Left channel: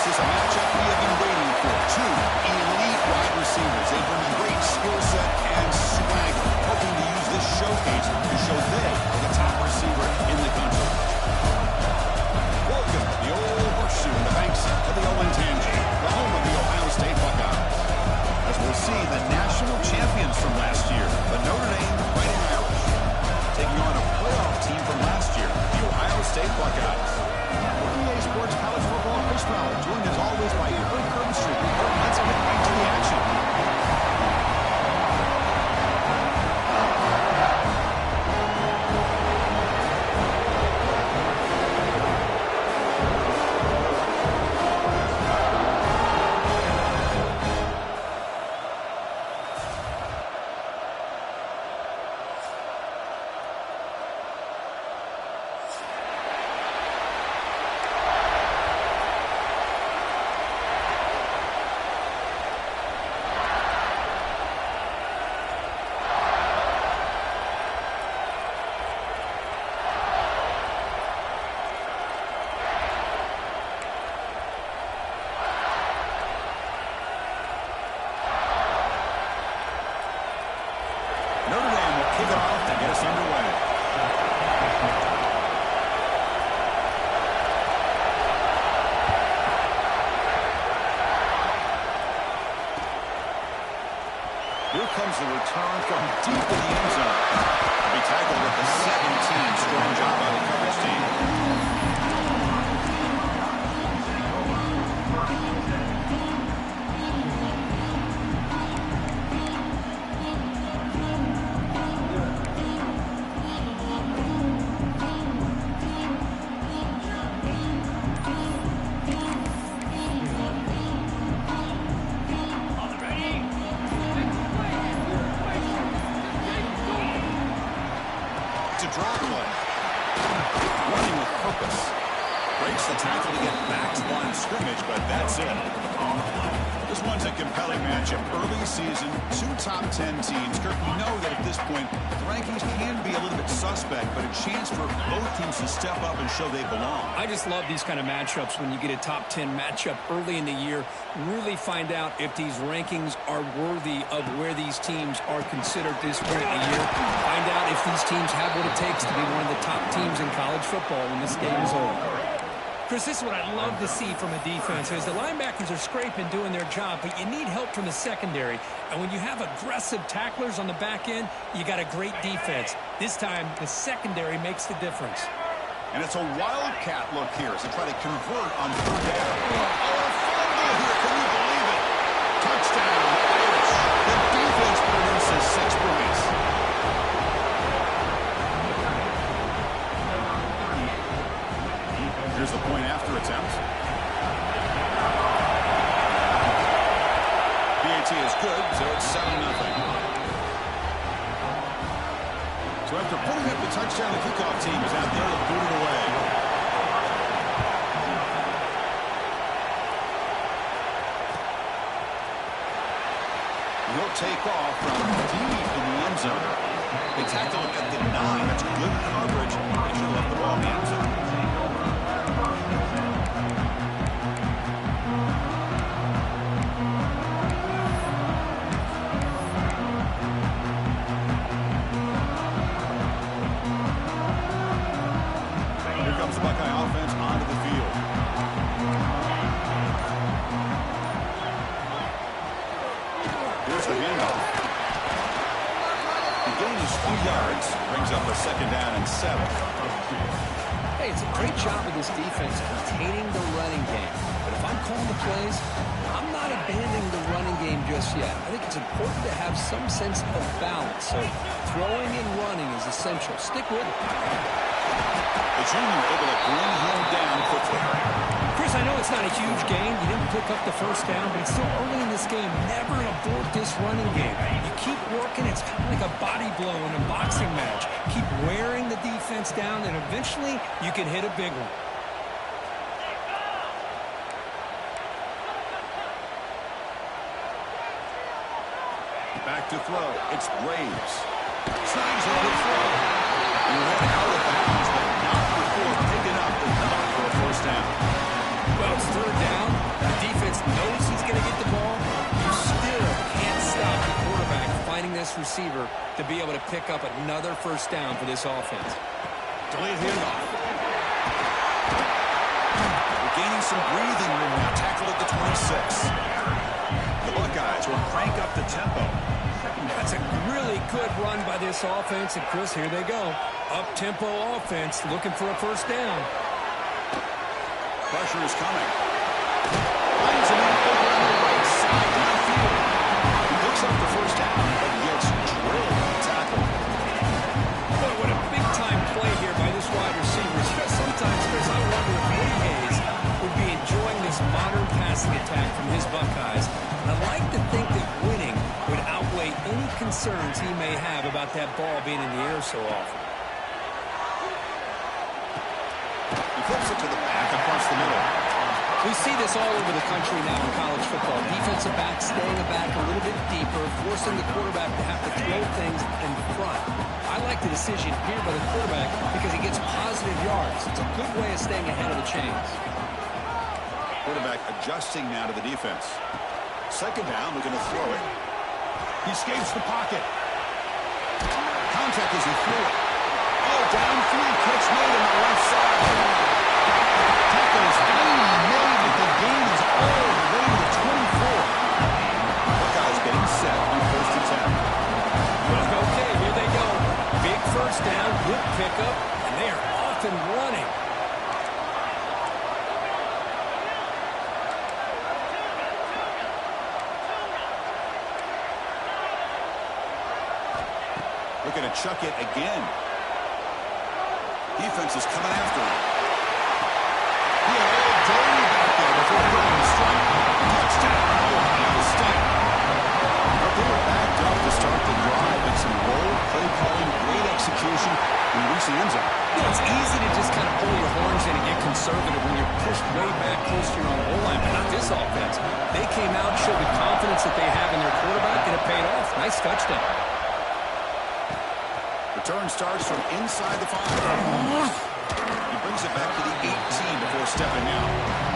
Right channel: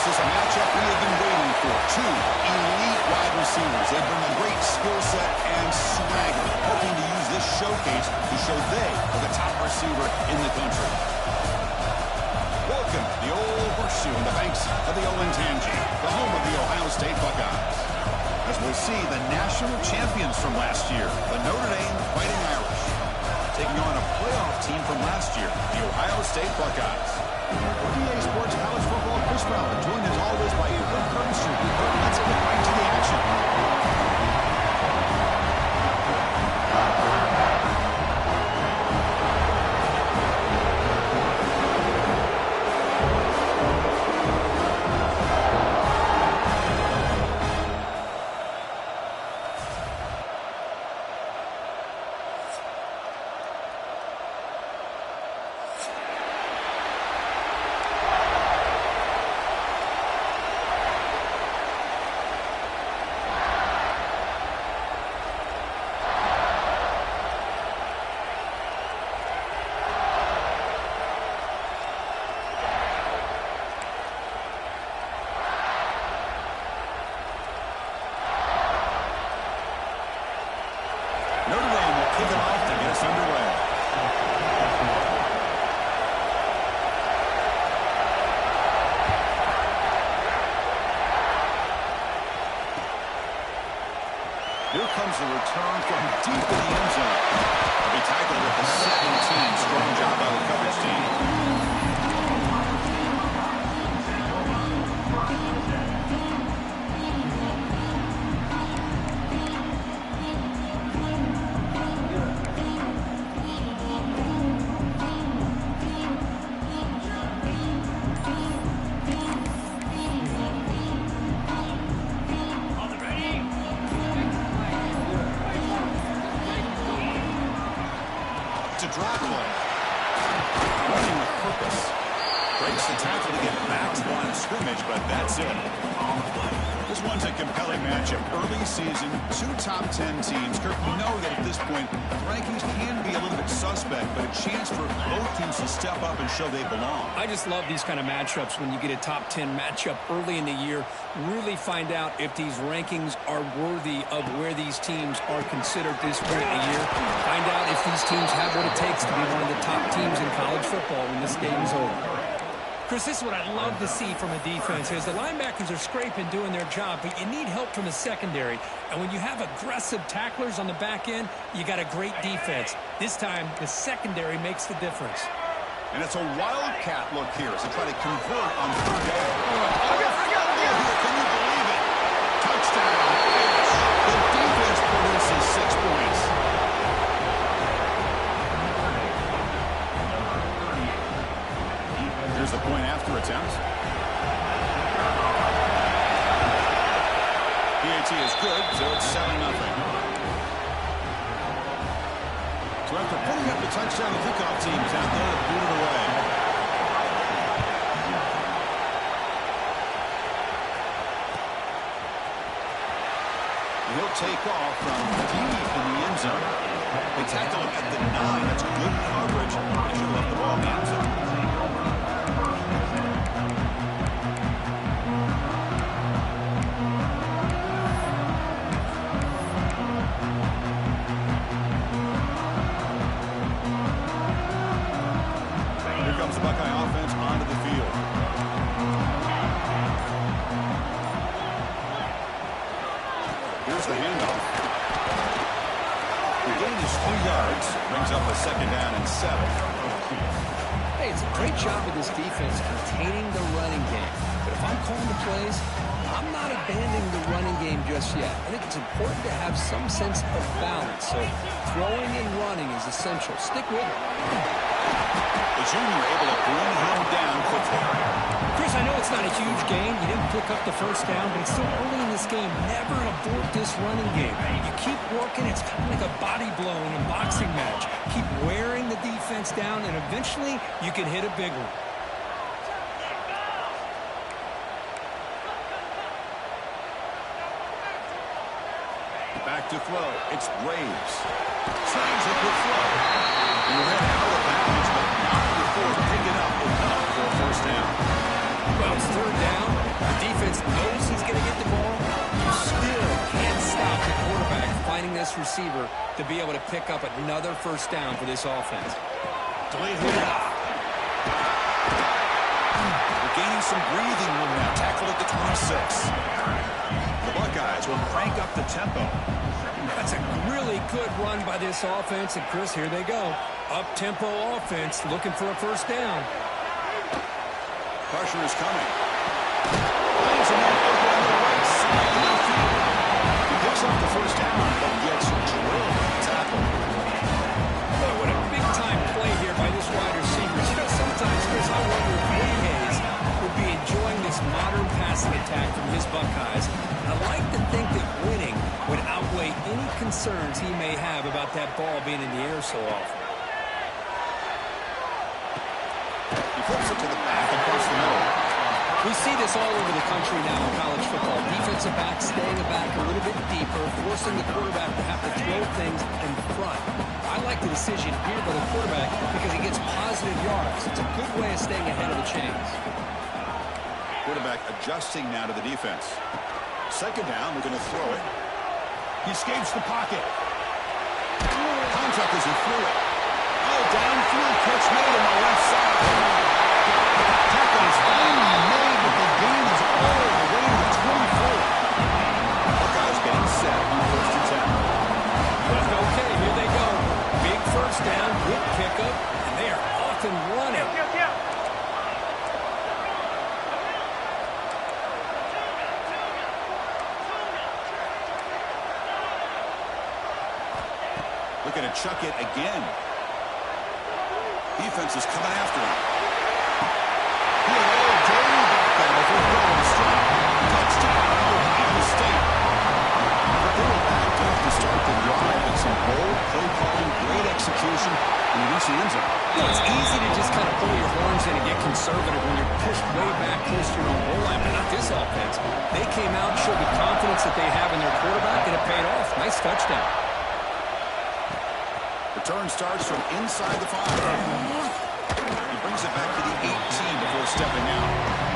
This is a matchup we have been waiting for. Two elite wide receivers. They bring a great skill set and swagger, hoping to use this showcase to show they are the top receiver in the country. Welcome to the old horseshoe in the banks of the Olentangy, the home of the Ohio State Buckeyes. As we'll see, the national champions from last year, the Notre Dame Fighting Irish, taking on a playoff team from last year, the Ohio State Buckeyes. For EA Sports College Football, Chris Fowler, joined as always by Kurt Curtin. Let's get right to the action. Notre Dame will kick it off to get us underway. Here comes the return from deep in the end zone. To be tackled at the 17. Strong job by the coverage team. Draw play. Running with purpose. Breaks the tackle to get back to the line of scrimmage, but that's it. This one's a compelling matchup. Early season, two top 10 teams. Kirk, we know that at this point, the rankings can be a little bit suspect, but a chance for both teams to step up and show they belong. I just love these kind of matchups when you get a top 10 matchup early in the year. Really find out if these rankings are worthy of where these teams are considered this point in the year. Find out if these teams have what it takes to be one of the top teams in college football when this game is over. Chris, this is what I'd love to see from a defense is the linebackers are scraping, doing their job, but you need help from the secondary. And when you have aggressive tacklers on the back end, you got a great defense. This time, the secondary makes the difference. And it's a wildcat look here as they try to convert on third down. Oh, a field goal here. Can you believe it? Touchdown, Irish. The defense produces 6 points. Here's the point after attempt. PAT is good, so it's 7-0. So after putting up the touchdown, the kickoff team is out there to boot it away. He'll take off from deep in the end zone. They tackle him at the 9. That's good coverage. They should have left the ball in the end zone. Buckeye offense onto the field. Here's the handoff. The gain is 3 yards. Brings up a 2nd down and 7. Hey, it's a great job of this defense containing the running game. But if I'm calling the plays, I'm not abandoning the running game just yet. I think it's important to have some sense of balance. So throwing and running is essential. Stick with it. The junior able to bring him down quickly. Chris, I know it's not a huge gain. You didn't pick up the first down, but it's still early in this game. Never abort this running game. You keep working. It's kind of like a body blow in a boxing match. Keep wearing the defense down, and eventually you can hit a big one. Back to throw. It's Graves. Snags a good throw. He went out of bounds, but not before picking up enough for a first down. Well, it's third down, the defense knows he's going to get the ball. You still can't stop the quarterback finding this receiver to be able to pick up another first down for this offense. Delayed handoff. We're gaining some breathing room now. Tackled at the 26. The Buckeyes will crank up the tempo. That's a really good run by this offense. And, Chris, here they go. Up-tempo offense looking for a first down. Pressure is coming. Finds a man open on the right side downfield. He picks up the first down, but gets drilled with the tackle. Boy, what a big-time play here by this wide receiver. Sometimes, Chris, I wonder if Lee Hayes would be enjoying this modern passing attack from his Buckeyes. And I like to think that winning would outweigh any concerns he may have about that ball being in the air so often. He flips it to the back across the middle. We see this all over the country now in college football. Defensive backs staying back a little bit deeper, forcing the quarterback to have to throw things in front. I like the decision here by the quarterback because he gets positive yards. It's a good way of staying ahead of the chains. Quarterback adjusting now to the defense. Second down, they're going to throw it. He escapes the pocket. Contact as he threw it. Oh, downfield catch made on the left side. Tackle is finally made, but the gain is all the way to the 24. Buckeyes getting set on 1st and 10. Okay, here they go. Big first down, good pickup, and they are off and running. Looking to chuck it again. Defense is coming after him. He had all day back there before throwing a strike. Touchdown, Ohio State. But they were backed up to start the drive, but some bold play calling, great execution, and you reach the end zone. You know, it's easy to just kind of pull your horns in and get conservative when you're pushed way back close to your own goal line, but not this offense. They came out, showed the confidence that they have in their quarterback, and it paid off. Nice touchdown. Return starts from inside the 5. He brings it back to the 18 before stepping out.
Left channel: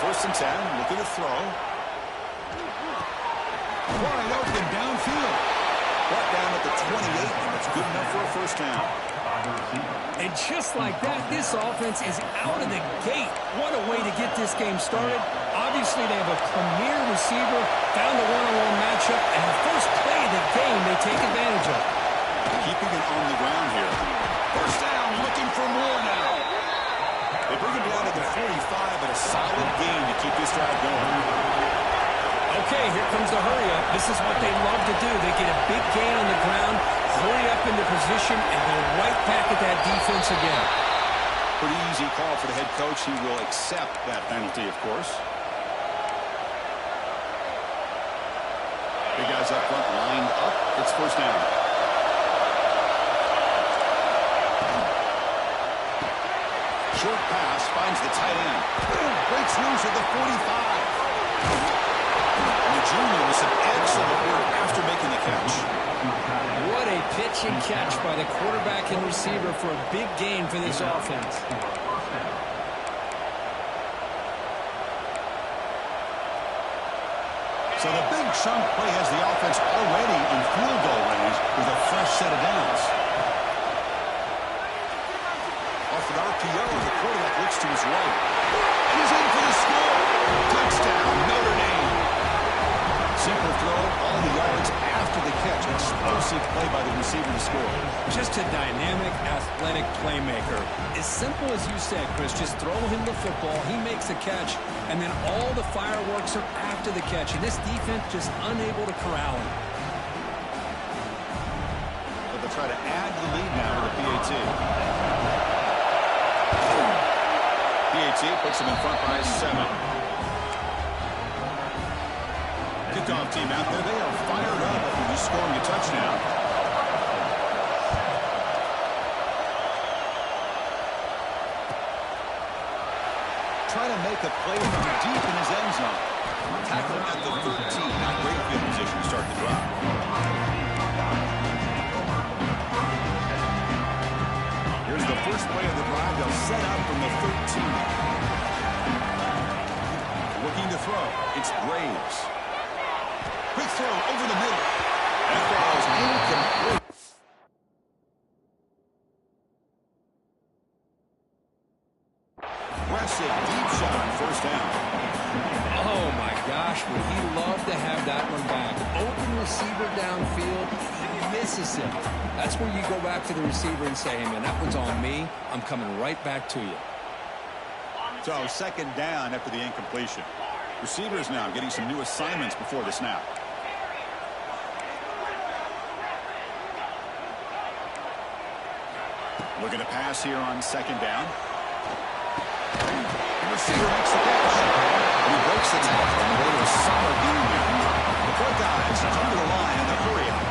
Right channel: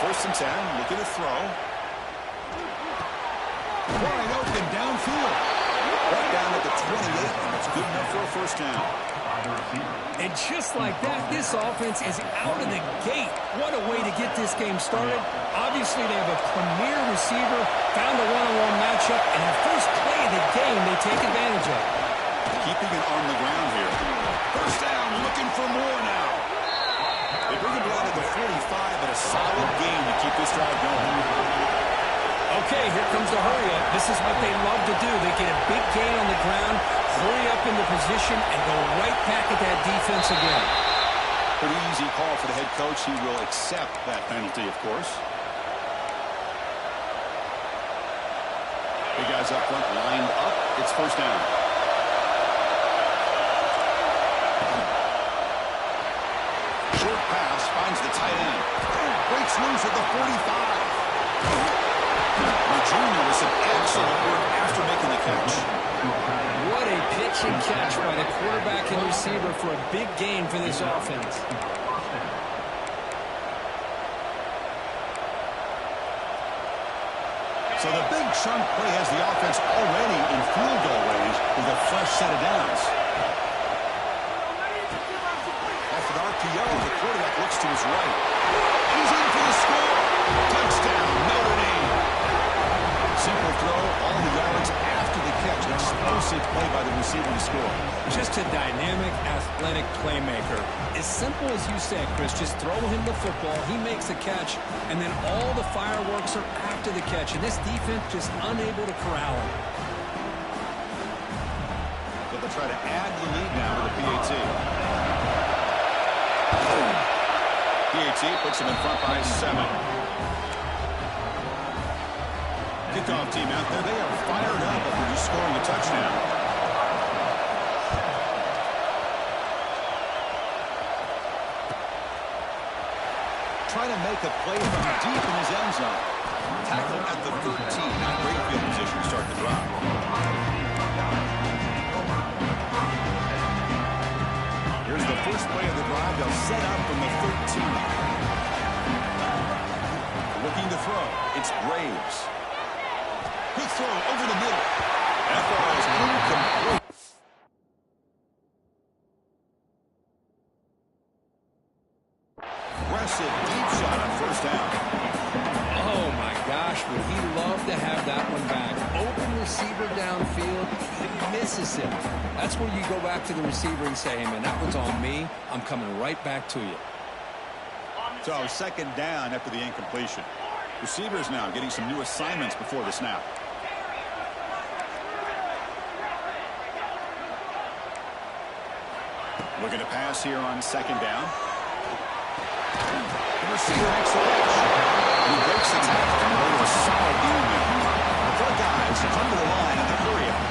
First and 10, looking to throw. Wide open downfield. Brought down at the 28, and that's good enough for a first down. And just like that, this offense is out of the gate. What a way to get this game started. Obviously, they have a premier receiver, found a one-on-one matchup, and the first play of the game they take advantage of. Keeping it on the ground here. First down, looking for more now. They bring him down to the 45, but a solid gain to keep this drive going. Okay, here comes the hurry-up. This is what they love to do. They get a big gain on the ground, hurry up into position, and go right back at that defense again. Pretty easy call for the head coach. He will accept that penalty, of course. Big guys up front lined up. It's first down. Short pass finds the tight end. Breaks loose at the 45. And the junior with some excellent work after making the catch. What a pitch and catch by the quarterback and receiver for a big gain for this offense. So the big chunk play has the offense already in field goal range with a fresh set of downs. Off an RPO, the quarterback looks to his right. And he's in for the score. Touchdown, Notre Dame. Simple throw, all the yards after the catch. Explosive play by the receiver to score. Just a dynamic, athletic playmaker. As simple as you said, Chris, just throw him the football, he makes the catch, and then all the fireworks are after the catch. And this defense just unable to corral him. So they'll try to add to the lead now with the PAT. PAT puts him in front by 7. Kickoff team out there, they are fired up after just scoring a touchdown. Trying to make a play from deep in his end zone. Tackle at the 13. Not great field position to start the drive. Here's the first play of the drive. They'll set up from the 13. Looking to throw. It's Graves. Quick throw over the middle. That ball is incomplete. Aggressive deep shot on first down. Oh, my gosh, would he love to have that one back. Open receiver downfield, he misses him. That's where you go back to the receiver and say, hey, man, that one's on me. I'm coming right back to you. So, second down after the incompletion. Receivers now getting some new assignments before the snap. Looking to pass here on second down. The receiver makes the catch. And he breaks the tackle on the way to a solid game there. The front guys come to the line in the hurry up.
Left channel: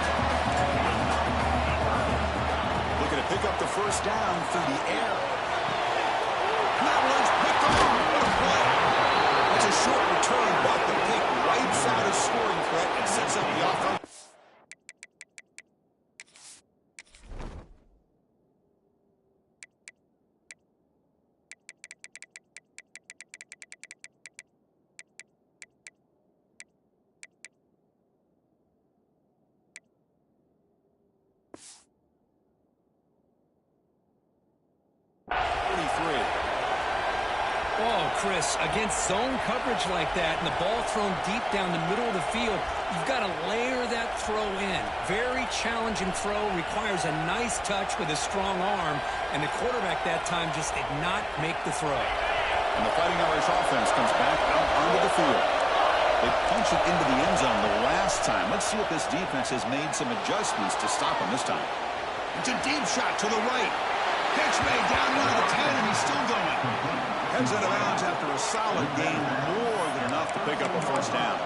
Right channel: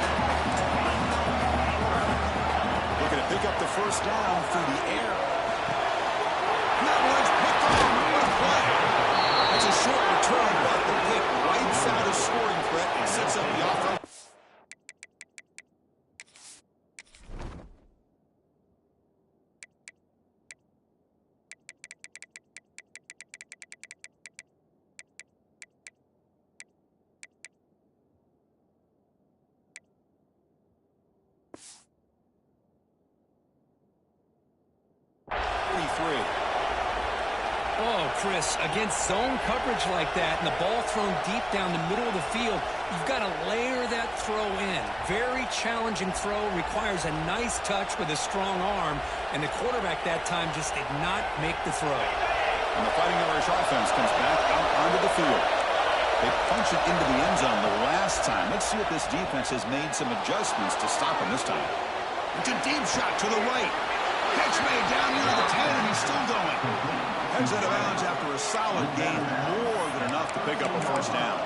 Looking to pick up the first down through the air. That one's picked off. What a play. That's a short return, but the pick wipes out a scoring threat and sets up the offense. Oh, Chris, against zone coverage like that and the ball thrown deep down the middle of the field, you've got to layer that throw in. Very challenging throw, requires a nice touch with a strong arm, and the quarterback that time just did not make the throw. And the Fighting Irish offense comes back out onto the field. They punch it into the end zone the last time. Let's see if this defense has made some adjustments to stop him this time. It's a deep shot to the right. Catch made down near the 10, and he's still going. Heads out of bounds after a solid gain, more than enough to pick up a first down.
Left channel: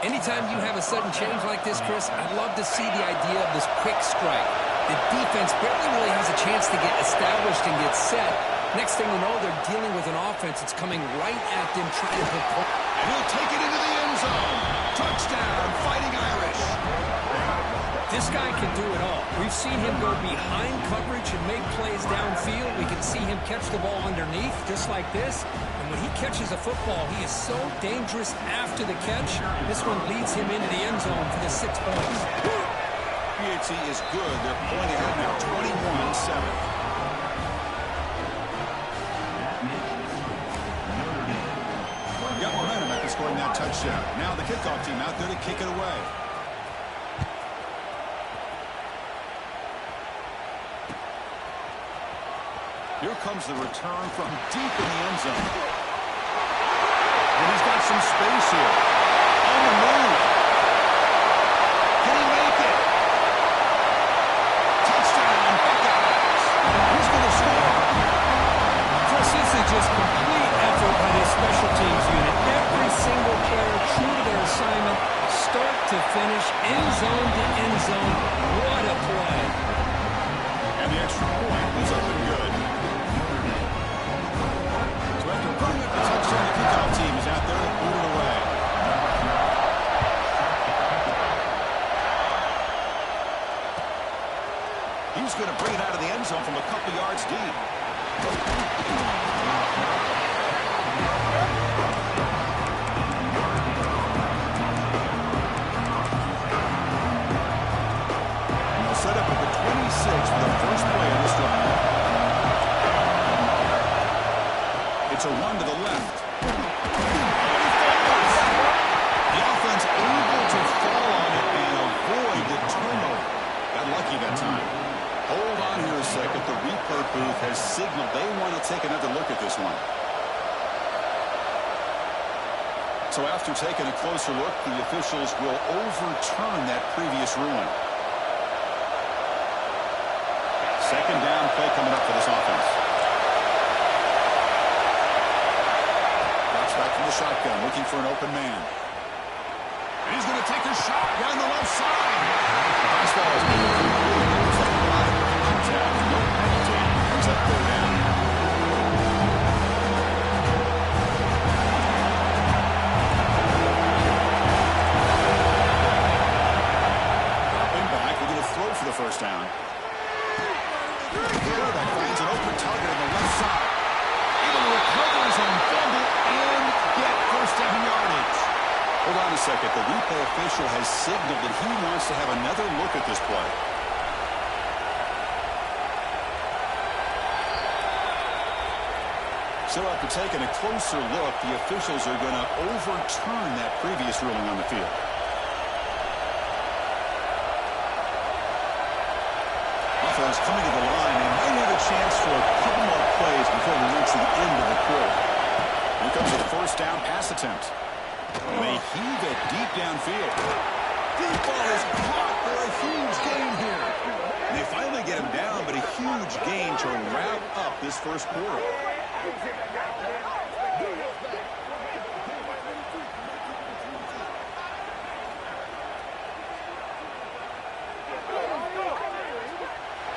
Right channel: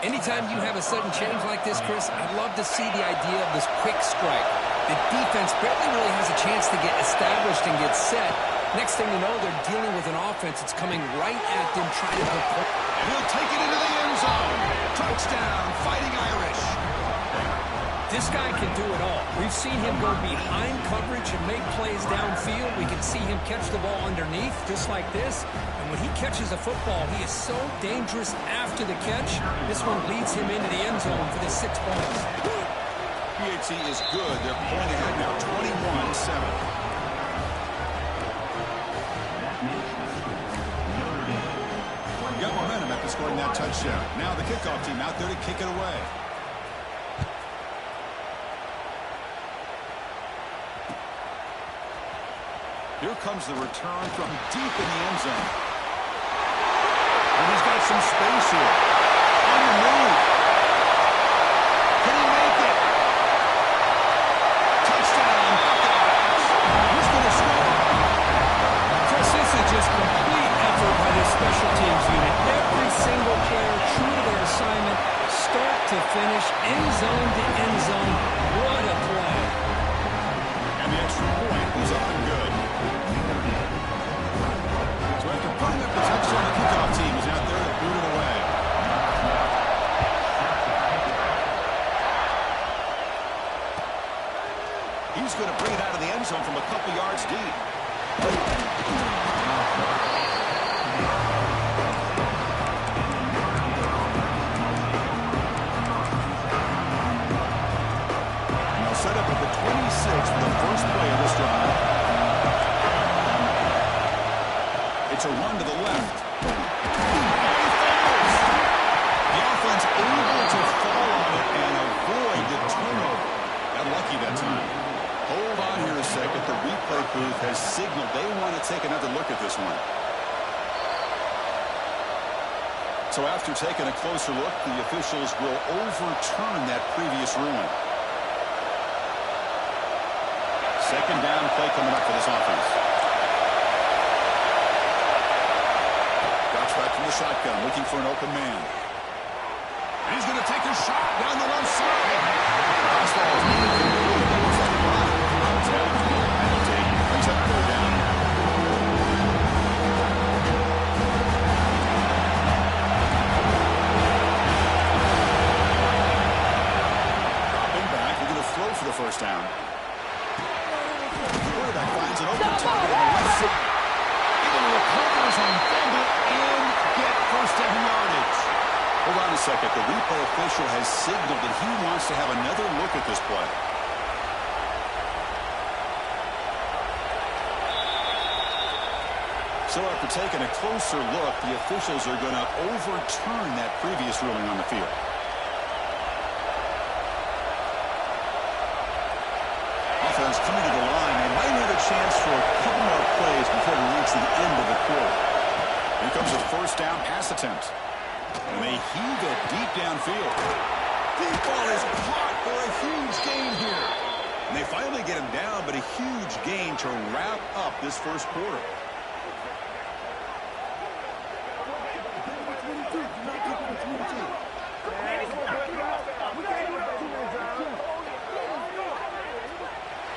Anytime you have a sudden change like this, Chris, I'd love to see the idea of this quick strike. The defense barely really has a chance to get established and get set. Next thing you know, they're dealing with an offense that's coming right at them, trying to put points. And he'll take it into the end zone. Touchdown, Fighting Irish. This guy can do it all. We've seen him go behind coverage and make plays downfield. We can see him catch the ball underneath, just like this. And when he catches a football, he is so dangerous after the catch. This one leads him into the end zone for the 6 points. PAT is good. They're pointing ahead now, 21-7. Got momentum after scoring that touchdown. Now the kickoff team out there to kick it away. Here comes the return from deep in the end zone. And he's got some space here. On the move. Can he make it? Touchdown, Buckeyes. Who's going to score? Chris, this is just complete effort by this special teams unit. Every single player true to their assignment, start to finish, end zone to end zone. What a play. And the extra point was up and good. So after putting up the touchdown, the kickoff team is out there to boot it away. He's going to bring it out of the end zone from a couple yards deep. And they'll set up at the 26 for the first play of this drive. It's a run to the left. Oh, he fumbles. The offense able to fall on it and avoid the turnover. Got lucky that time. Hold on here a second. The replay booth has signaled they want to take another look at this one. So after taking a closer look, the officials will overturn that previous ruling. Second down play coming up for this offense. Drops back from the shotgun, looking for an open man. He's going to take a shot down the left side. Fastball is incomplete. There was a lot of contact. No penalty. Brings up third down. Dropping back. We're going to throw for the first down. The quarterback finds an open target on the left side. Able to recover his own fumble and get first down yardage. Hold on a second. The replay official has signaled that he wants to have another look at this play. So after taking a closer look, the officials are going to overturn that previous ruling on the field. Offense coming to the line. They might have a chance for a couple more plays before we reach the end of the quarter. Here comes a first down pass attempt. And they heave it deep downfield. Deep ball is caught for a huge gain here. And they finally get him down, but a huge gain to wrap up this first quarter.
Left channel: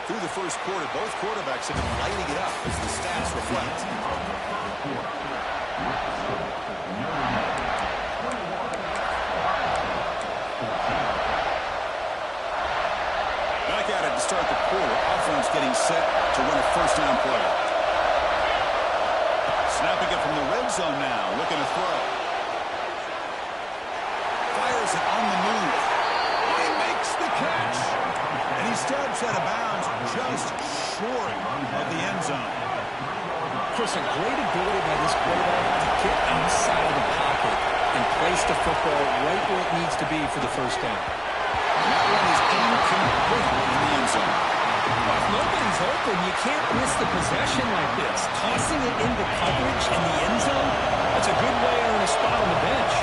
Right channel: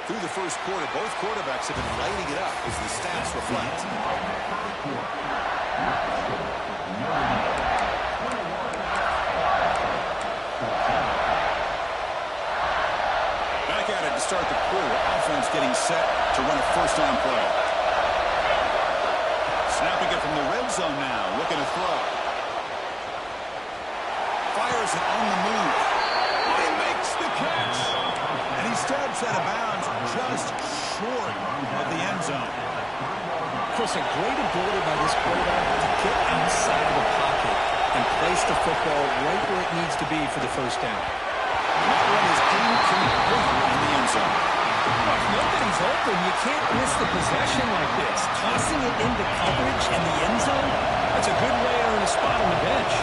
Through the first quarter, both quarterbacks have been lighting it up as the stats reflect. Back at it to start the quarter. Offense getting set to run a first down play. Snapping it from the red zone now. Looking to throw. Fires it on the move. He makes the catch. And he steps out of bounds just short of the end zone. Chris, a great ability by this quarterback to get outside of the pocket and place the football right where it needs to be for the first down. And that one is incomplete in the end zone. Well, if nobody's open, you can't miss the possession like this. Tossing it into coverage in the end zone, that's a good way to earn a spot on the bench.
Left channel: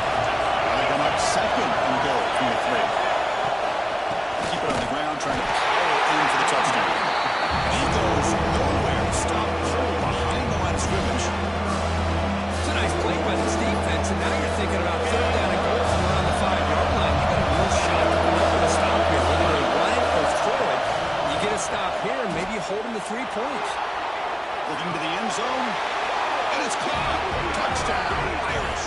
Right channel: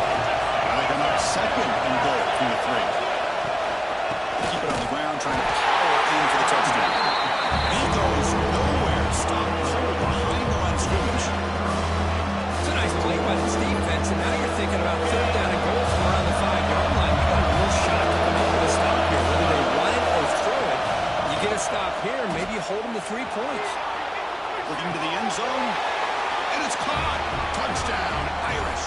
Now they come up second and goal from the 3. Keep it on the ground, trying to power in for the touchdown. He goes nowhere. Stop cold behind the line of scrimmage. It's a nice play by this defense, and now you're thinking about third down and goal from around the 5-yard line. You got a real shot to come up with a stop here. Whether they run it or throw it, you get a stop here, and maybe you hold them to 3 points. Looking to the end zone, and it's caught. Touchdown, Irish.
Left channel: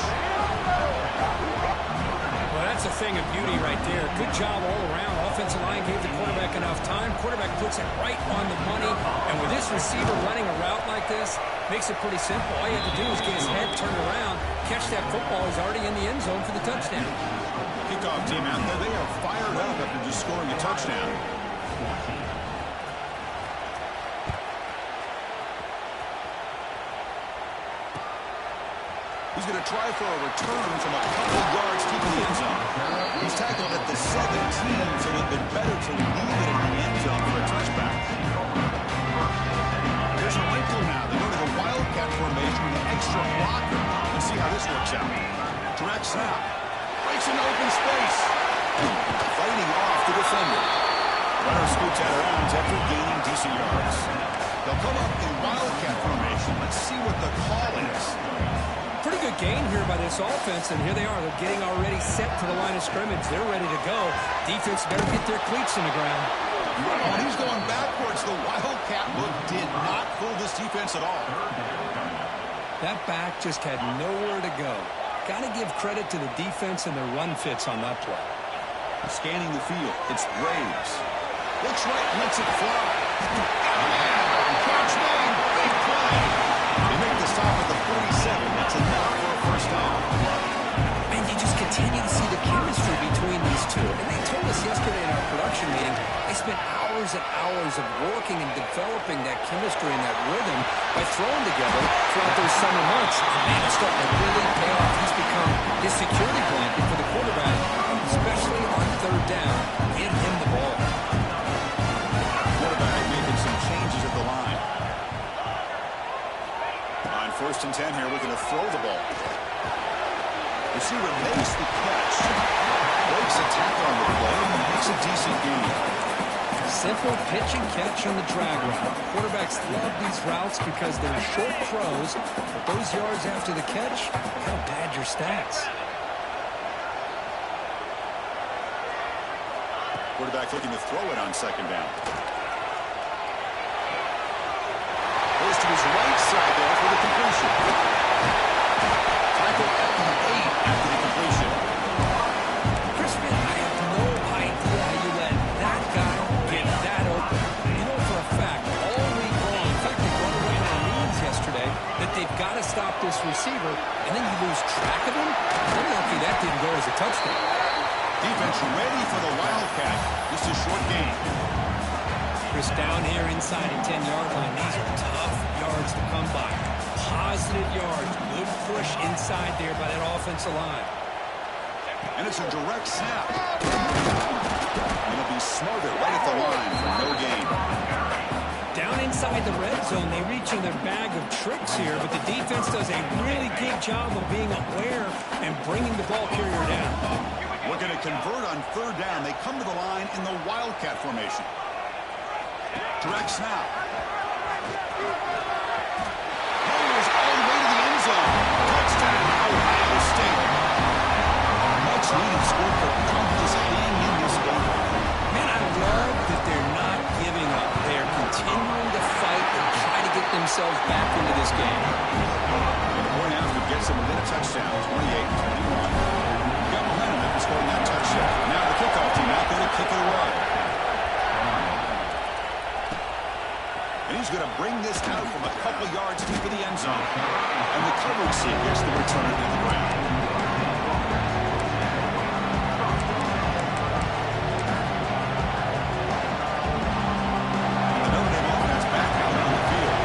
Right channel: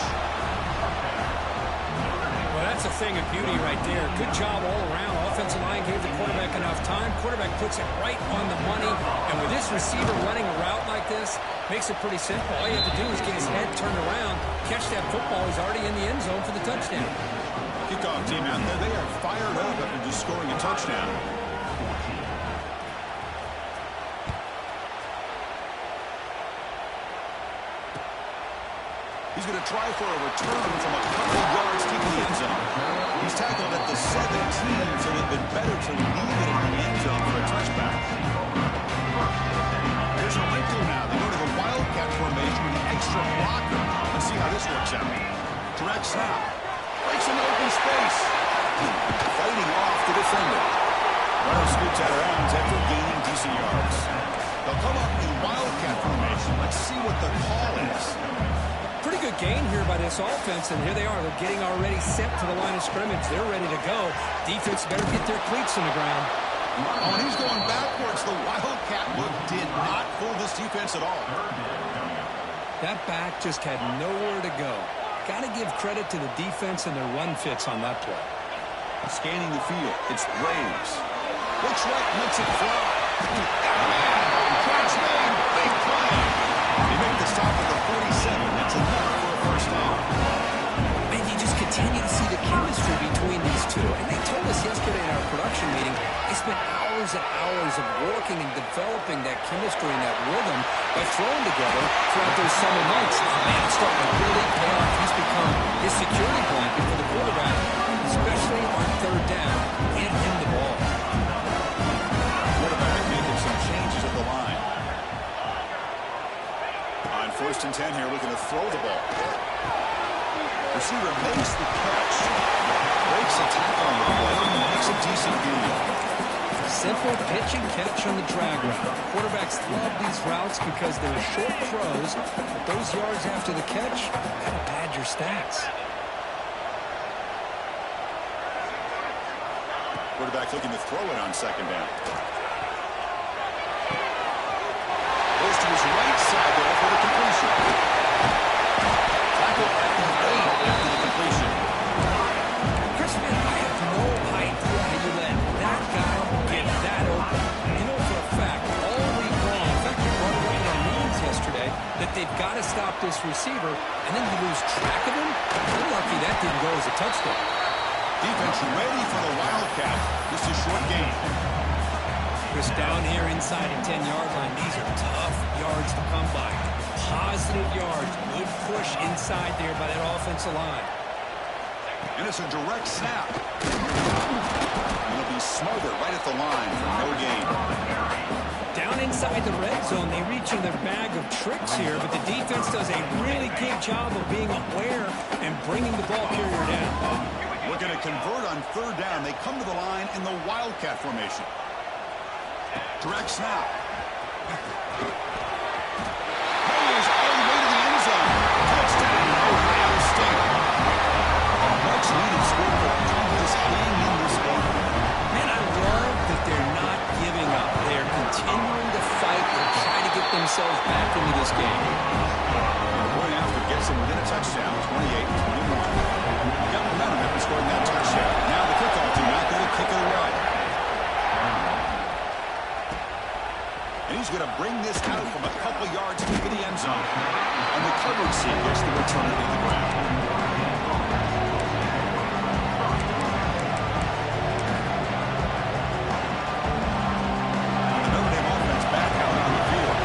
Well, that's a thing of beauty right there. Good job all around. Offensive line gave the quarterback enough time. Quarterback puts it right on the money. And with this receiver running a route like this, makes it pretty simple. All you have to do is get his head turned around, catch that football. He's already in the end zone for the touchdown. Kickoff team out there. They are fired up after just scoring a touchdown. He's going to try for a return from a couple yards deep in the end zone. He's tackled at the 17, so it would have been better to leave it in the end zone for a touchback. Here's a wrinkle now. They go to the wildcat formation with an extra blocker. Let's see how this works out. Direct snap. Breaks into open space. Fighting off the defender. Runner scoots out of bounds after gaining decent yards. They'll come up in wildcat formation. Let's see what the call is. Pretty good gain here by this offense, and here they are. They're getting already set to the line of scrimmage. They're ready to go. Defense better get their cleats in the ground. Oh, and he's going backwards. The wildcat look did not fool this defense at all. That back just had nowhere to go. Got to give credit to the defense and their run fits on that play. Scanning the field. It's Braves. Looks right, lets it fly. Got a man. Catch made. Big play. They make the stop at the 47. That's enough for a first down. And you just continue to see the chemistry between these two. And they told us yesterday in our production meeting, they spent hours and hours of working and developing that chemistry and that rhythm by throwing together throughout those summer months. Man, it's starting to really pay off. He's become his security blanket for the quarterback, especially on third down. Get him the ball. Quarterback making some changes at the line. On 1st and 10 here, looking to throw the ball. Receiver makes the catch. Breaks a tackle on the play and makes a decent gain. Simple pitch and catch on the drag route. Quarterbacks love these routes because they're short throws, but those yards after the catch kind of pad your stats. Quarterback looking to throw it on second down. Goes to his right side there for the completion. Tackle at the 8 after the completion. Crispin, I have no idea how you let that guy get that open. You know for a fact, all week long, in fact, they brought it up in our meetings yesterday, that they've got to stop this receiver, and then you lose track of him. I'm lucky that didn't go as a touchdown. Defense ready for the Wildcat. Just a short game. Chris, down here inside the 10-yard line, these are tough yards to come by. Positive yards. Good push inside there by that offensive line. And it's a direct snap. It'll be smothered right at the line for no gain. Down inside the red zone, they reach in their bag of tricks here, but the defense does a really good job of being aware and bringing the ball carrier down. We're going to convert on third down. They come to the line in the Wildcat formation. Direct snap. Powers all the way to the end zone. Touchdown, Ohio State. A much-needed score for them to just hang in this game. Man, I love that they're not giving up. They are continuing to fight and try to get themselves back into this game. And the point after gets them within a touchdown, 28-21. Got momentum after scoring that touchdown. Now the kickoff team out there to kick it away. And he's going to bring this out from a couple yards into the end zone. And the coverage team gets the return to the ground. The Notre Dame offense back out on the field.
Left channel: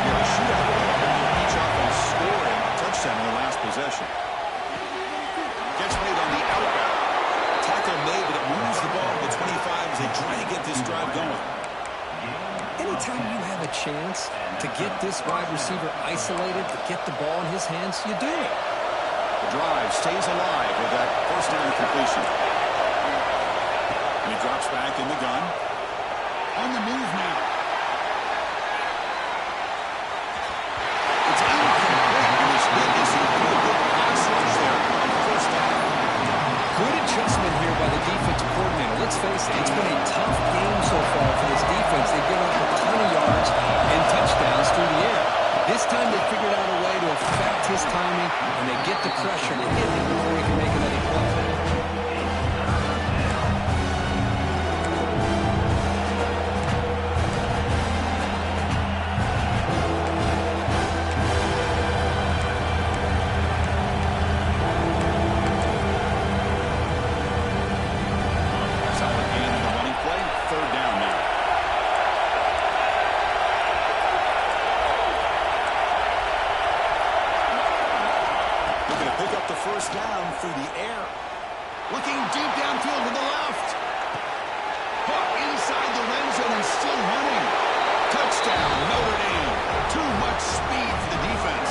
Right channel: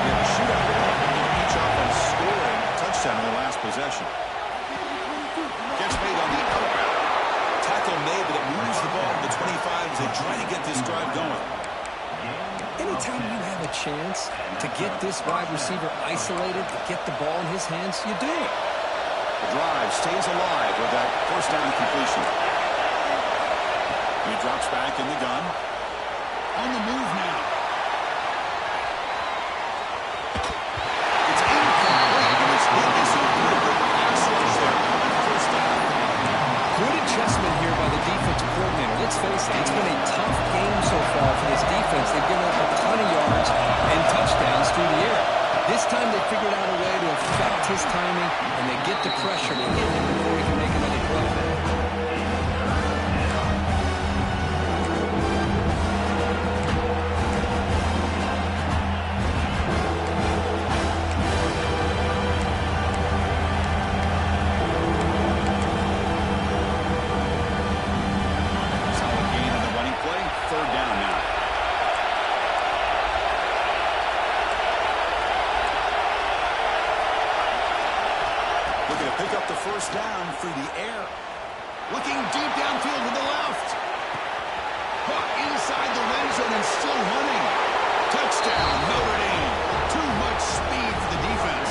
We have a shootout with each offense scoring a touchdown in their last possession. Gets made on the out route. Tackle made, but it moves the ball to the 25 as they try to get this drive going. Anytime you have a chance to get this wide receiver isolated, to get the ball in his hands, you do it. The drive stays alive with that first down completion. And he drops back in the gun. On the move now. It's incomplete. And it's hit as he put a good pass rush there on first down. Good adjustment here by the defensive coordinator. Let's face it, it's been a tough game so far for this defense. They've given up a ton of yards and touchdowns through the air. This time they figured out a way to affect his timing, and they get the pressure to hit him before he can make another play. Third down now. Looking to pick up the first down through the air. Looking deep downfield to the left. Caught inside the red zone and still running. Touchdown, Notre Dame. Too much speed for the defense.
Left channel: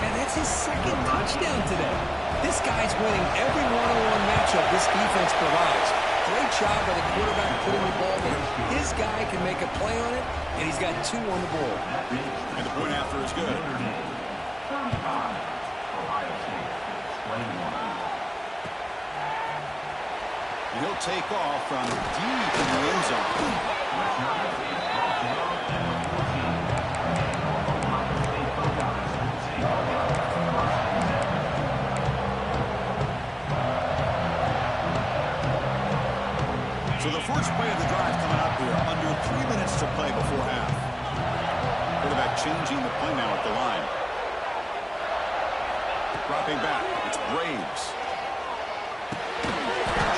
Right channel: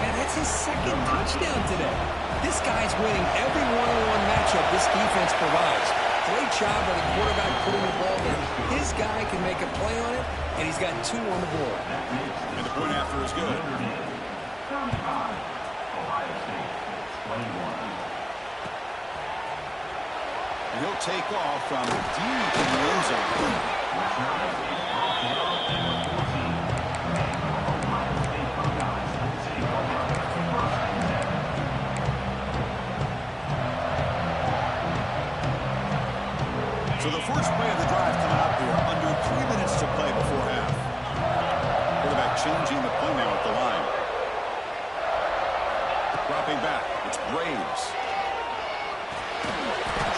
Man, that's his second touchdown today. This guy's winning every one-on-one matchup this defense provides. Great job by the quarterback putting the ball there. His guy can make a play on it, and he's got 2 on the board. And the point after is good. 35, Ohio State, 21. And he'll take off from deep in the end zone. So the first play of the drive coming up here, under 3 minutes to play before half. Quarterback changing the play now at the line. Dropping back, it's Braves.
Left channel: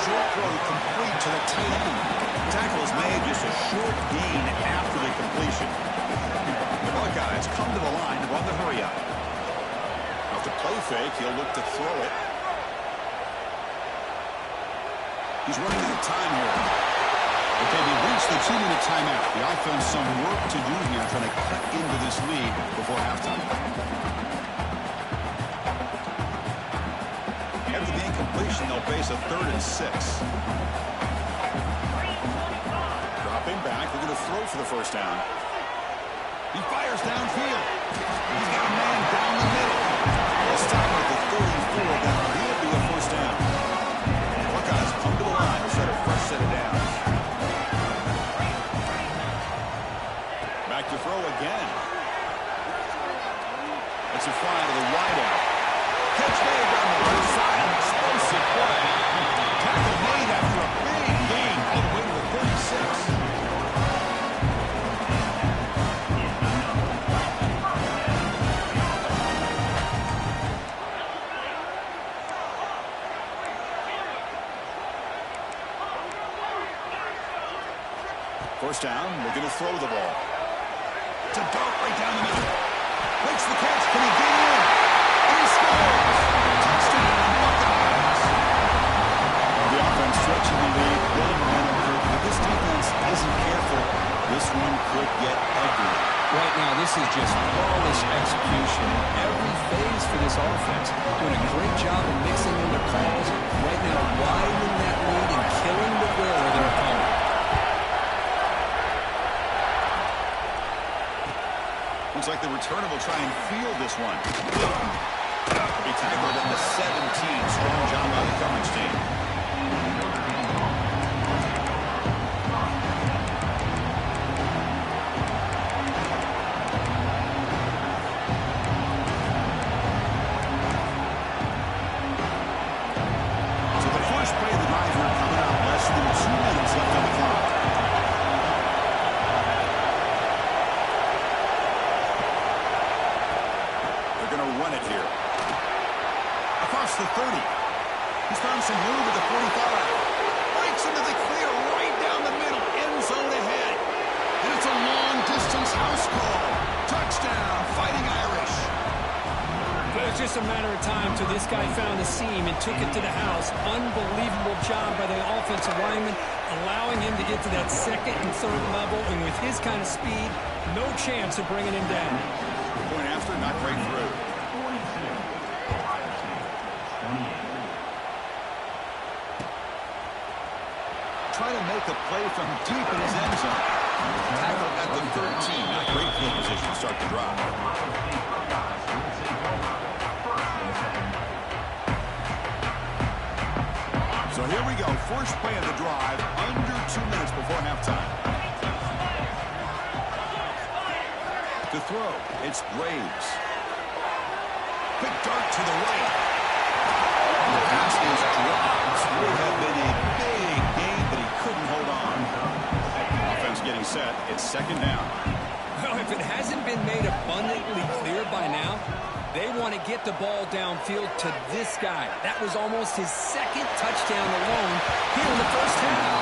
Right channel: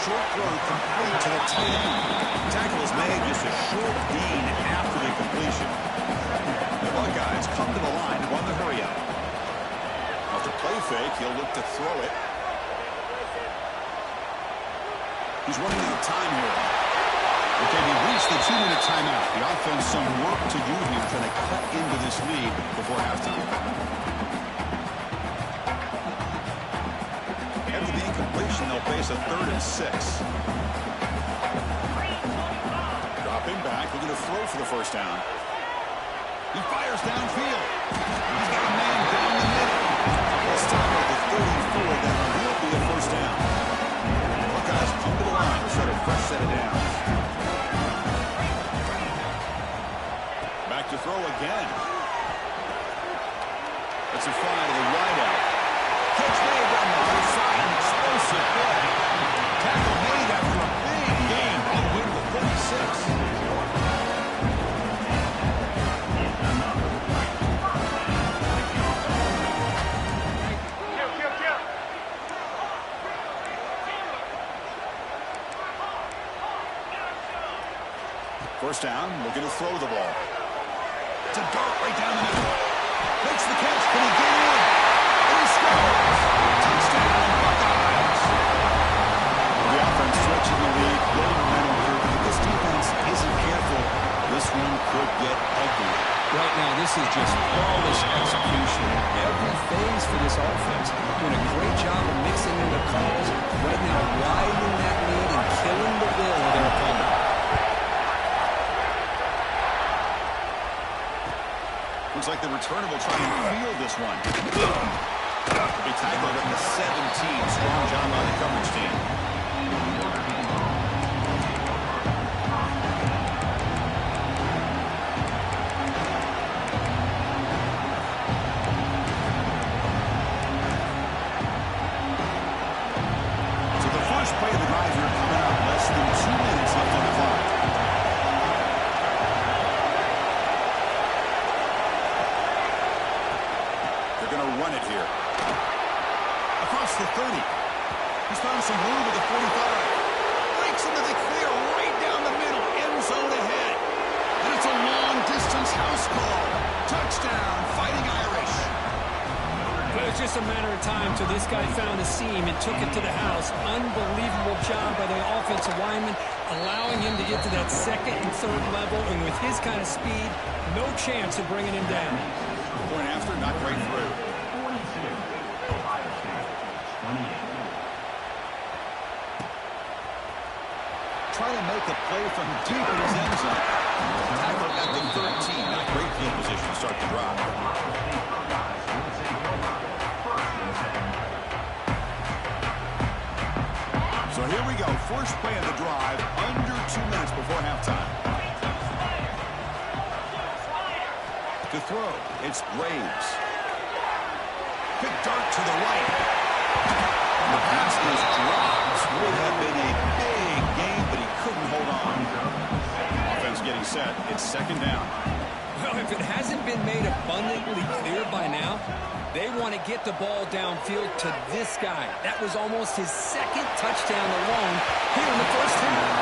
Short throw complete to the tight end. Tackle is made, just a short gain after the completion. The Buckeyes come to the line to run the hurry up. After play fake, he'll look to throw it. He's running out of time here. Okay, we reached the 2-minute timeout. The offense some work to do here, trying to cut into this lead before halftime. After the incompletion, they'll face a 3rd and 6. Dropping back, looking to throw for the first down. He fires downfield. He's got a man down the middle. They'll stop at the 34. That will be a first down. Buckeyes come to the line to set a fresh set of downs. Back to throw again. That's a fly to the wideout. Catch made down the right side. Explosive play. Tackle made after a big gain all the way to the 36. First down, looking to throw the ball. It's a dart right down the middle. Makes the catch. Can he get in? And he scores! Touchdown, Buckeyes! The offense stretching the lead, building momentum. If this defense isn't careful, this one could get ugly. Right now, this is just flawless execution in every phase for this offense. Doing a great job of mixing in the calls. Right now, widening that lead and killing the will of their opponent. Looks like the returner will try and field this one. Will be tackled at the 17. Strong job by the coverage team. So the first play of the drive here coming up. Less than 2 minutes left on the clock. Going to run it here. Across the 30. He's found some room at the 45. Breaks into the clear right down the middle. End zone ahead. And it's a long-distance house call. Touchdown, Fighting Irish. Well, it's just a matter of time till this guy found a seam and took it to the house. Unbelievable job by the offensive lineman, allowing him to get to that second and third level. And with his kind of speed, no chance of bringing him down. Point after, not right through. 42, Ohio State, 28. Trying to make a play from deep in his end zone. Tackle at the 13. Not great field position to start the drive. So here we go. First play of the drive. Under 2 minutes before halftime. To throw, it's Graves. Big dart to the right. The pass is dropped. Would have been a big gain, but he couldn't hold on. Offense getting set. It's second down. Well, if it hasn't been made abundantly clear by now, they want to get the ball downfield to this guy. That was almost his second touchdown alone here in the first half.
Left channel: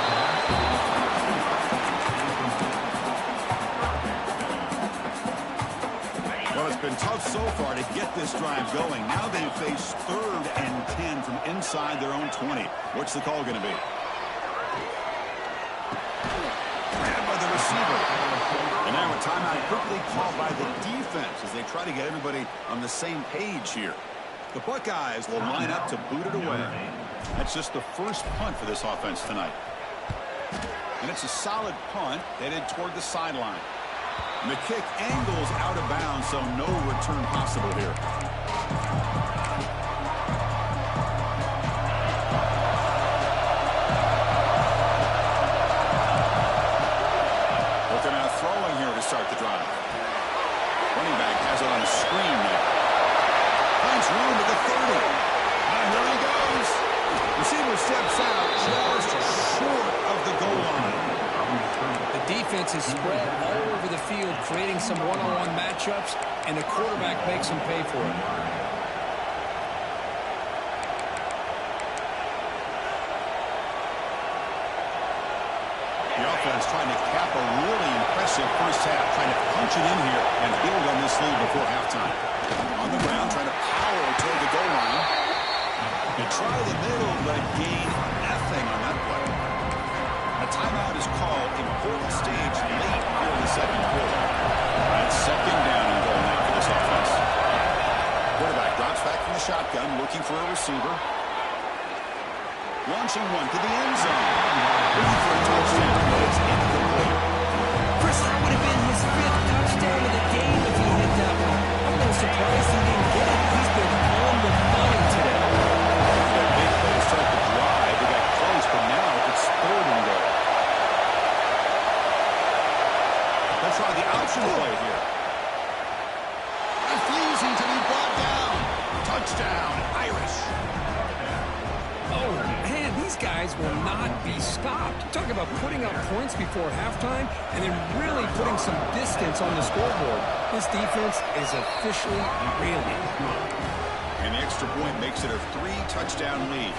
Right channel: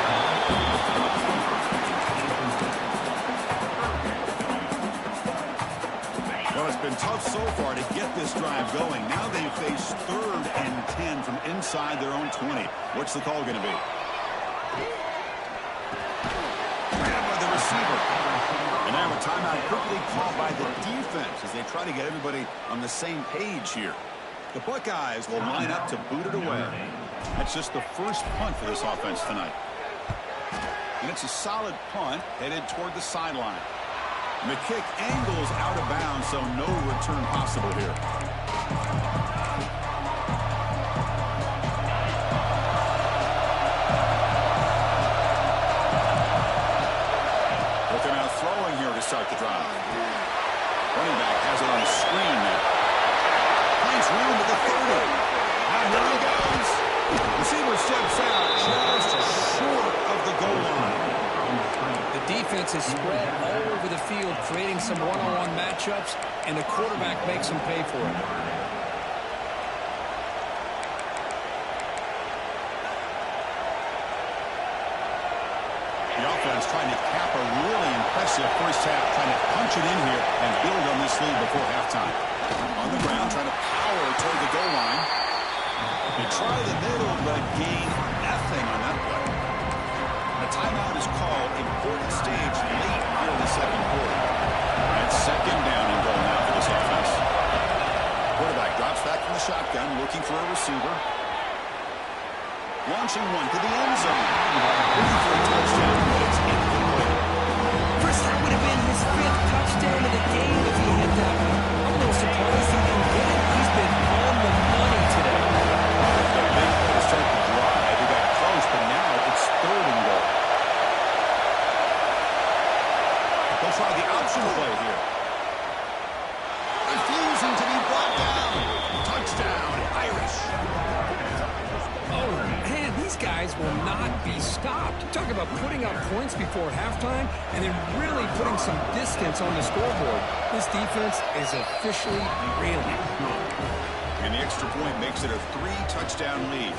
Well, it's been tough so far to get this drive going. Now they face 3rd and 10 from inside their own 20. What's the call going to be? Grabbed by the receiver. And now a timeout quickly called by the defense as they try to get everybody on the same page here. The Buckeyes will line up to boot it away. That's just the first punt for this offense tonight. And it's a solid punt headed toward the sideline. And the kick angles out of bounds, so no return possible here. But they're now throwing here to start the drive. Running back has it on the screen now. Finds room at the 30. And here he goes. Receiver steps out just short of the goal line. The defense is spread all over the field, creating some one-on-one matchups, and the quarterback makes them pay for it. The offense trying to cap a really impressive first half, trying to punch it in here and build on this lead before halftime. On the ground, trying to power toward the goal line. They try the middle, but gain nothing on that play. A timeout is called. Important stage late here in the second quarter. That's second down and goal now for this offense. Quarterback drops back from the shotgun, looking for a receiver. Launching one to the end zone. Looking for a touchdown, but it's incomplete. Chris, that would have been his 5th touchdown of the game if he hit that one. I'm a little surprised he didn't get it. He's been on the money today. That big play to start the drive. They got close, but zone. Man, these guys will not be stopped. Talk about putting up points before halftime and then really putting some distance on the scoreboard. This defense is officially reeling. And the extra point makes it a 3-touchdown lead.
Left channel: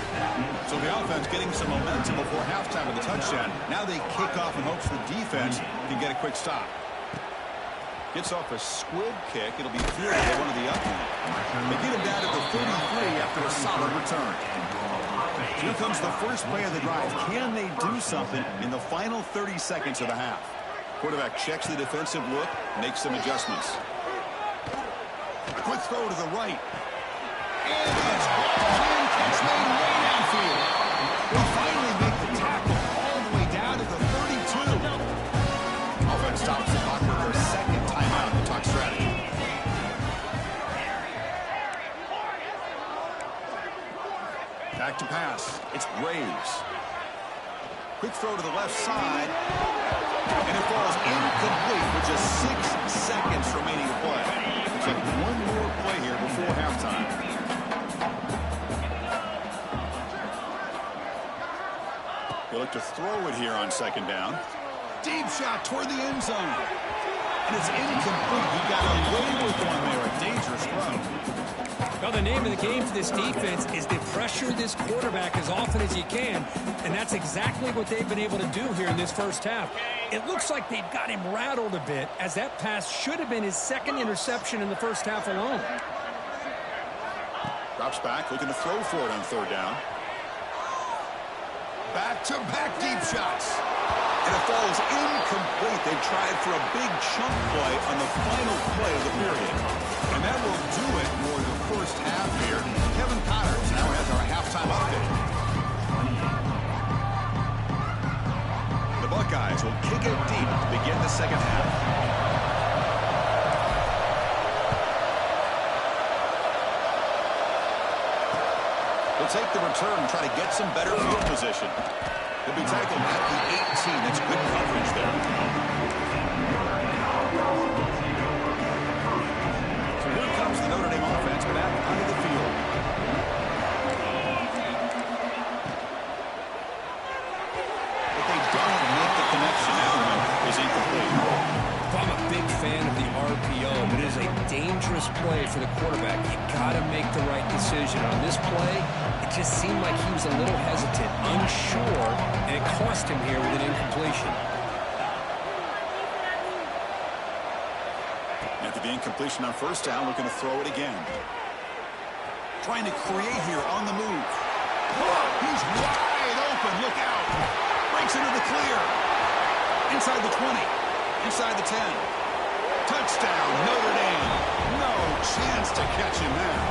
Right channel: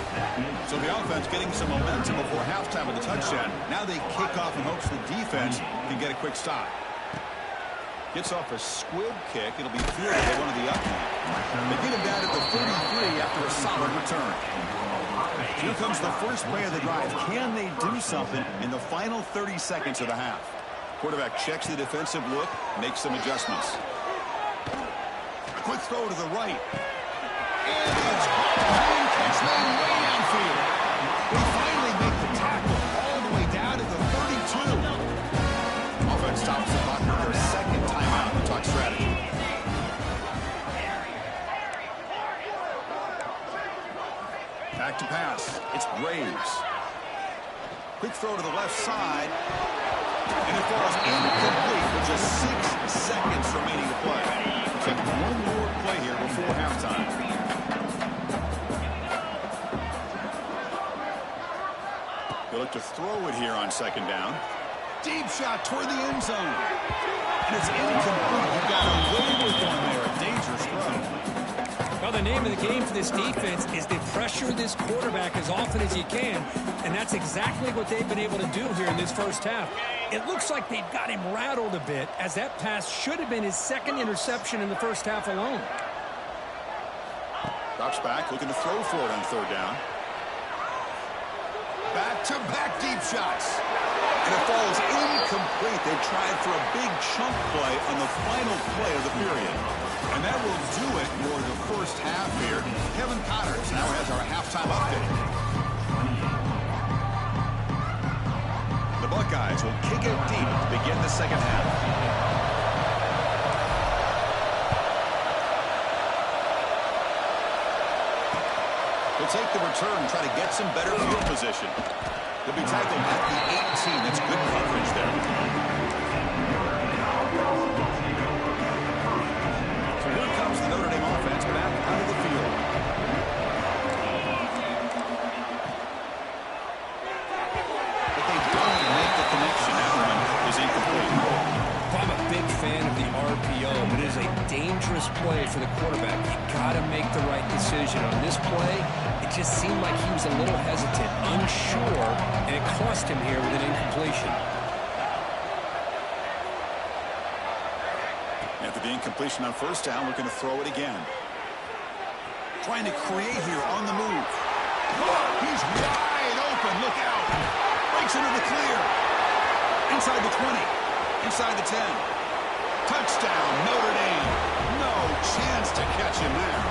So the offense getting some momentum before halftime with the touchdown. Now they kick off in hopes the defense can get a quick stop. Gets off a squib kick. It'll be fielded at one of the up point. They get him down to the 33 after a solid return. So here comes the first play of the drive. Can they do something in the final 30 seconds of the half? Quarterback checks the defensive look, makes some adjustments. A quick throw to the right. And it's clean catch made way downfield. They finally make the tackle all the way down to the 32. Offense stops the clock with their second timeout to talk strategy. Back to pass. It's Braves. Quick throw to the left side. And it falls incomplete with just 6 seconds remaining to play. Looks like one more play here before halftime. He'll look to throw it here on second down. Deep shot toward the end zone. And it's incomplete. He got away with one there. A dangerous throw. Well, the name of the game for this defense is to pressure this quarterback as often as you can, and that's exactly what they've been able to do here in this first half. It looks like they've got him rattled a bit, as that pass should have been his second interception in the first half alone. Drops back, looking to throw for it on third down. Back-to-back deep shots. And it falls incomplete. They tried for a big chunk play on the final play of the period. And that will do it for the first half here. Kevin Connors now has our halftime update. The Buckeyes will kick it deep to begin the second half. We'll take the return and try to get some better field position. They'll be tackled at the 18. That's good coverage there. So here comes the Notre Dame offense back onto the field. But they don't make the connection. That one is incomplete. I'm a big fan of the RPO, but it is a dangerous play for the quarterback. You got to make the right decision. On this play, it just seemed like he was a little hesitant, unsure, and it cost him here with an incompletion. After the incompletion on first down, looking to throw it again. Trying to create here on the move. He's wide open. Look out. Breaks into the clear. Inside the 20. Inside the 10. Touchdown, Notre Dame. No chance to catch him there.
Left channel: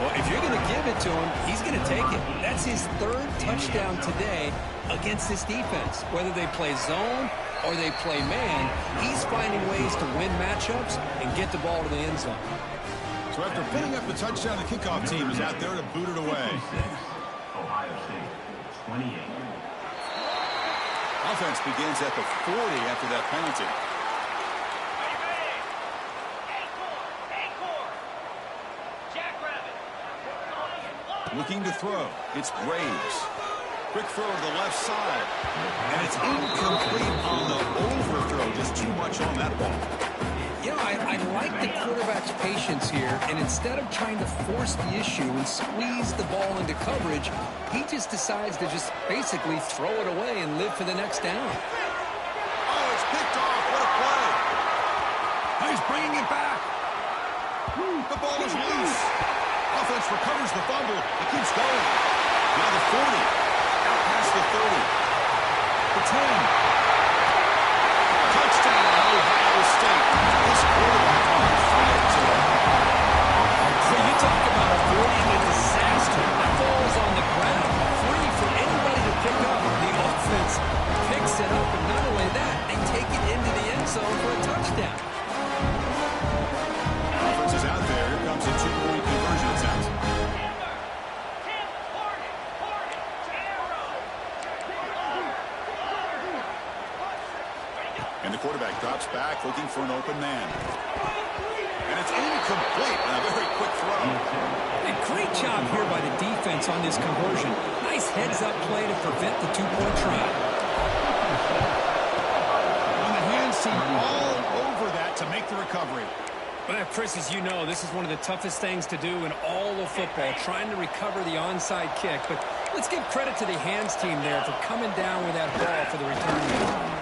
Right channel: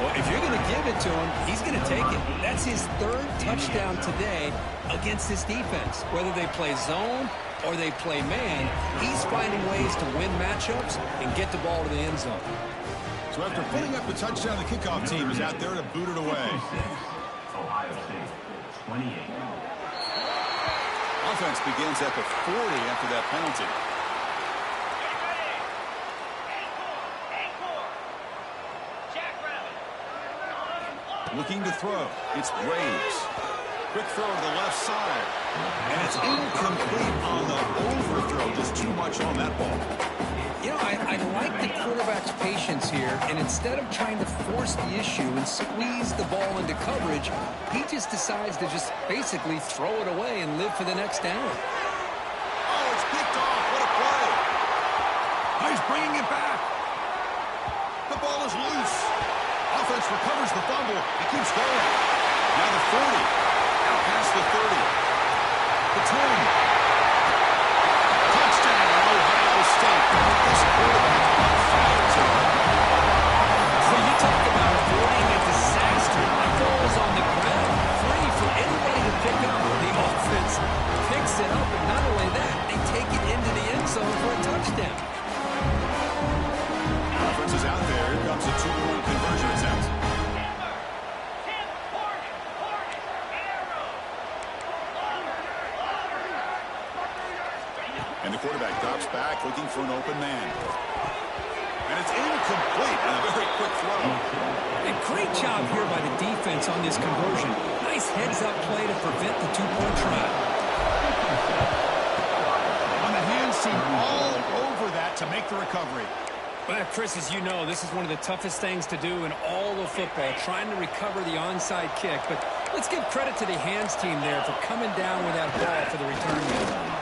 Well, if you're going to give it to him, he's going to take it. That's his third touchdown today against this defense. Whether they play zone or they play man, he's finding ways to win matchups and get the ball to the end zone. So after putting up the touchdown, the kickoff team is out there to boot it away. Ohio State, 28. Offense begins at the 40 after that penalty. Looking to throw. It's Braves. Quick throw to the left side. And it's incomplete on the overthrow. Just too much on that ball. You know, I like the quarterback's patience here, and instead of trying to force the issue and squeeze the ball into coverage, he just decides to just basically throw it away and live for the next down. Oh, it's picked off. What a play. He's bringing it back. The ball is loose. Offense recovers the fumble and keeps going. Now the 40. Out past the 30. The 10. Touchdown, Ohio State. This quarterback's on fire today. So you talk about avoiding a disaster. That ball is on the ground, free for anybody to pick up. The offense picks it up, and not only that, they take it into the end zone for a touchdown. Offense is out there. Here comes a two-point conversion attempt. And the quarterback drops back looking for an open man. And And it's incomplete on a very quick throw. A great job here by the defense on this conversion. Nice heads-up play to prevent the two-point try. On the hands team all over that to make the recovery. Well, Chris, as you know, this is one of the toughest things to do in all of football, trying to recover the onside kick. But let's give credit to the hands team there for coming down with that ball for the return man.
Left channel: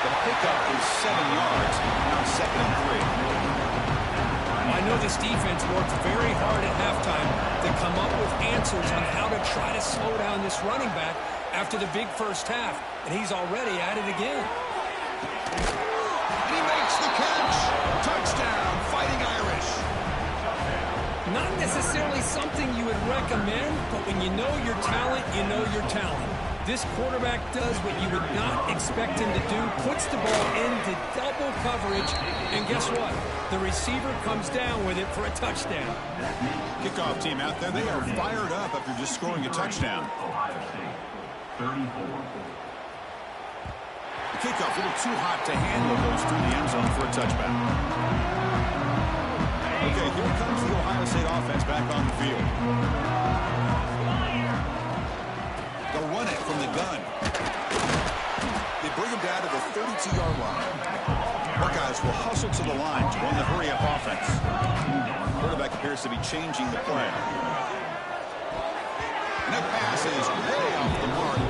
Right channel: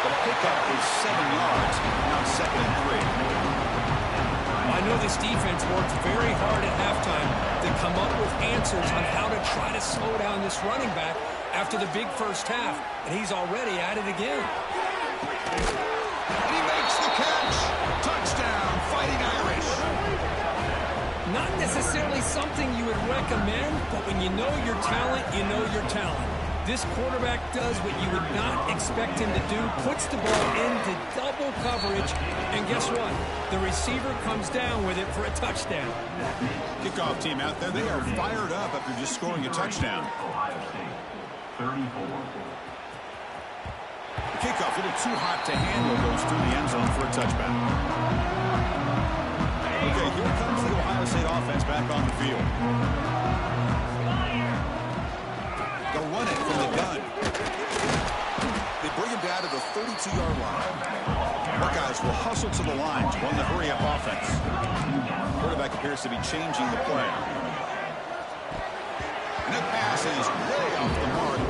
The pickup is 7 yards. Now 2nd and 3. I know this defense worked very hard at halftime to come up with answers on how to try to slow down this running back after the big first half. And he's already at it again. And he makes the catch. Touchdown, Fighting Irish. Not necessarily something you would recommend, but when you know your talent, you know your talent. This quarterback does what you would not expect him to do, puts the ball into double coverage, and guess what? The receiver comes down with it for a touchdown. Kickoff team out there, they are fired up after just scoring a touchdown. Ohio State, 34. The kickoff, a little too hot to handle, goes through the end zone for a touchback. Okay, here comes the Ohio State offense back on the field. They'll run it from the gun. They bring him down to the 32-yard line. Buckeyes will hustle to the line to run the hurry-up offense. Quarterback appears to be changing the play. And that pass is way off the mark.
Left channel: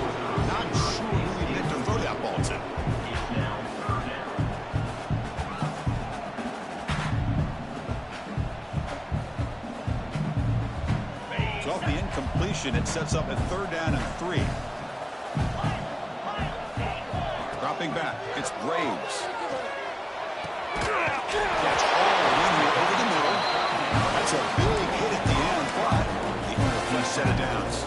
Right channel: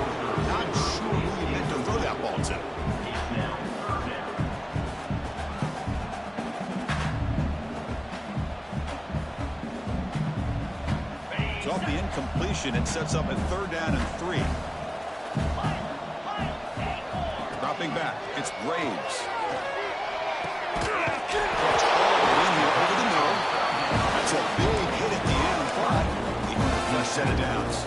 Not sure who he meant to throw that ball to. So off the incompletion, it sets up a 3rd down and 3. Dropping back, it's Graves. Catch all in here over the middle. That's a big hit at the end, but he earned a fresh set of downs.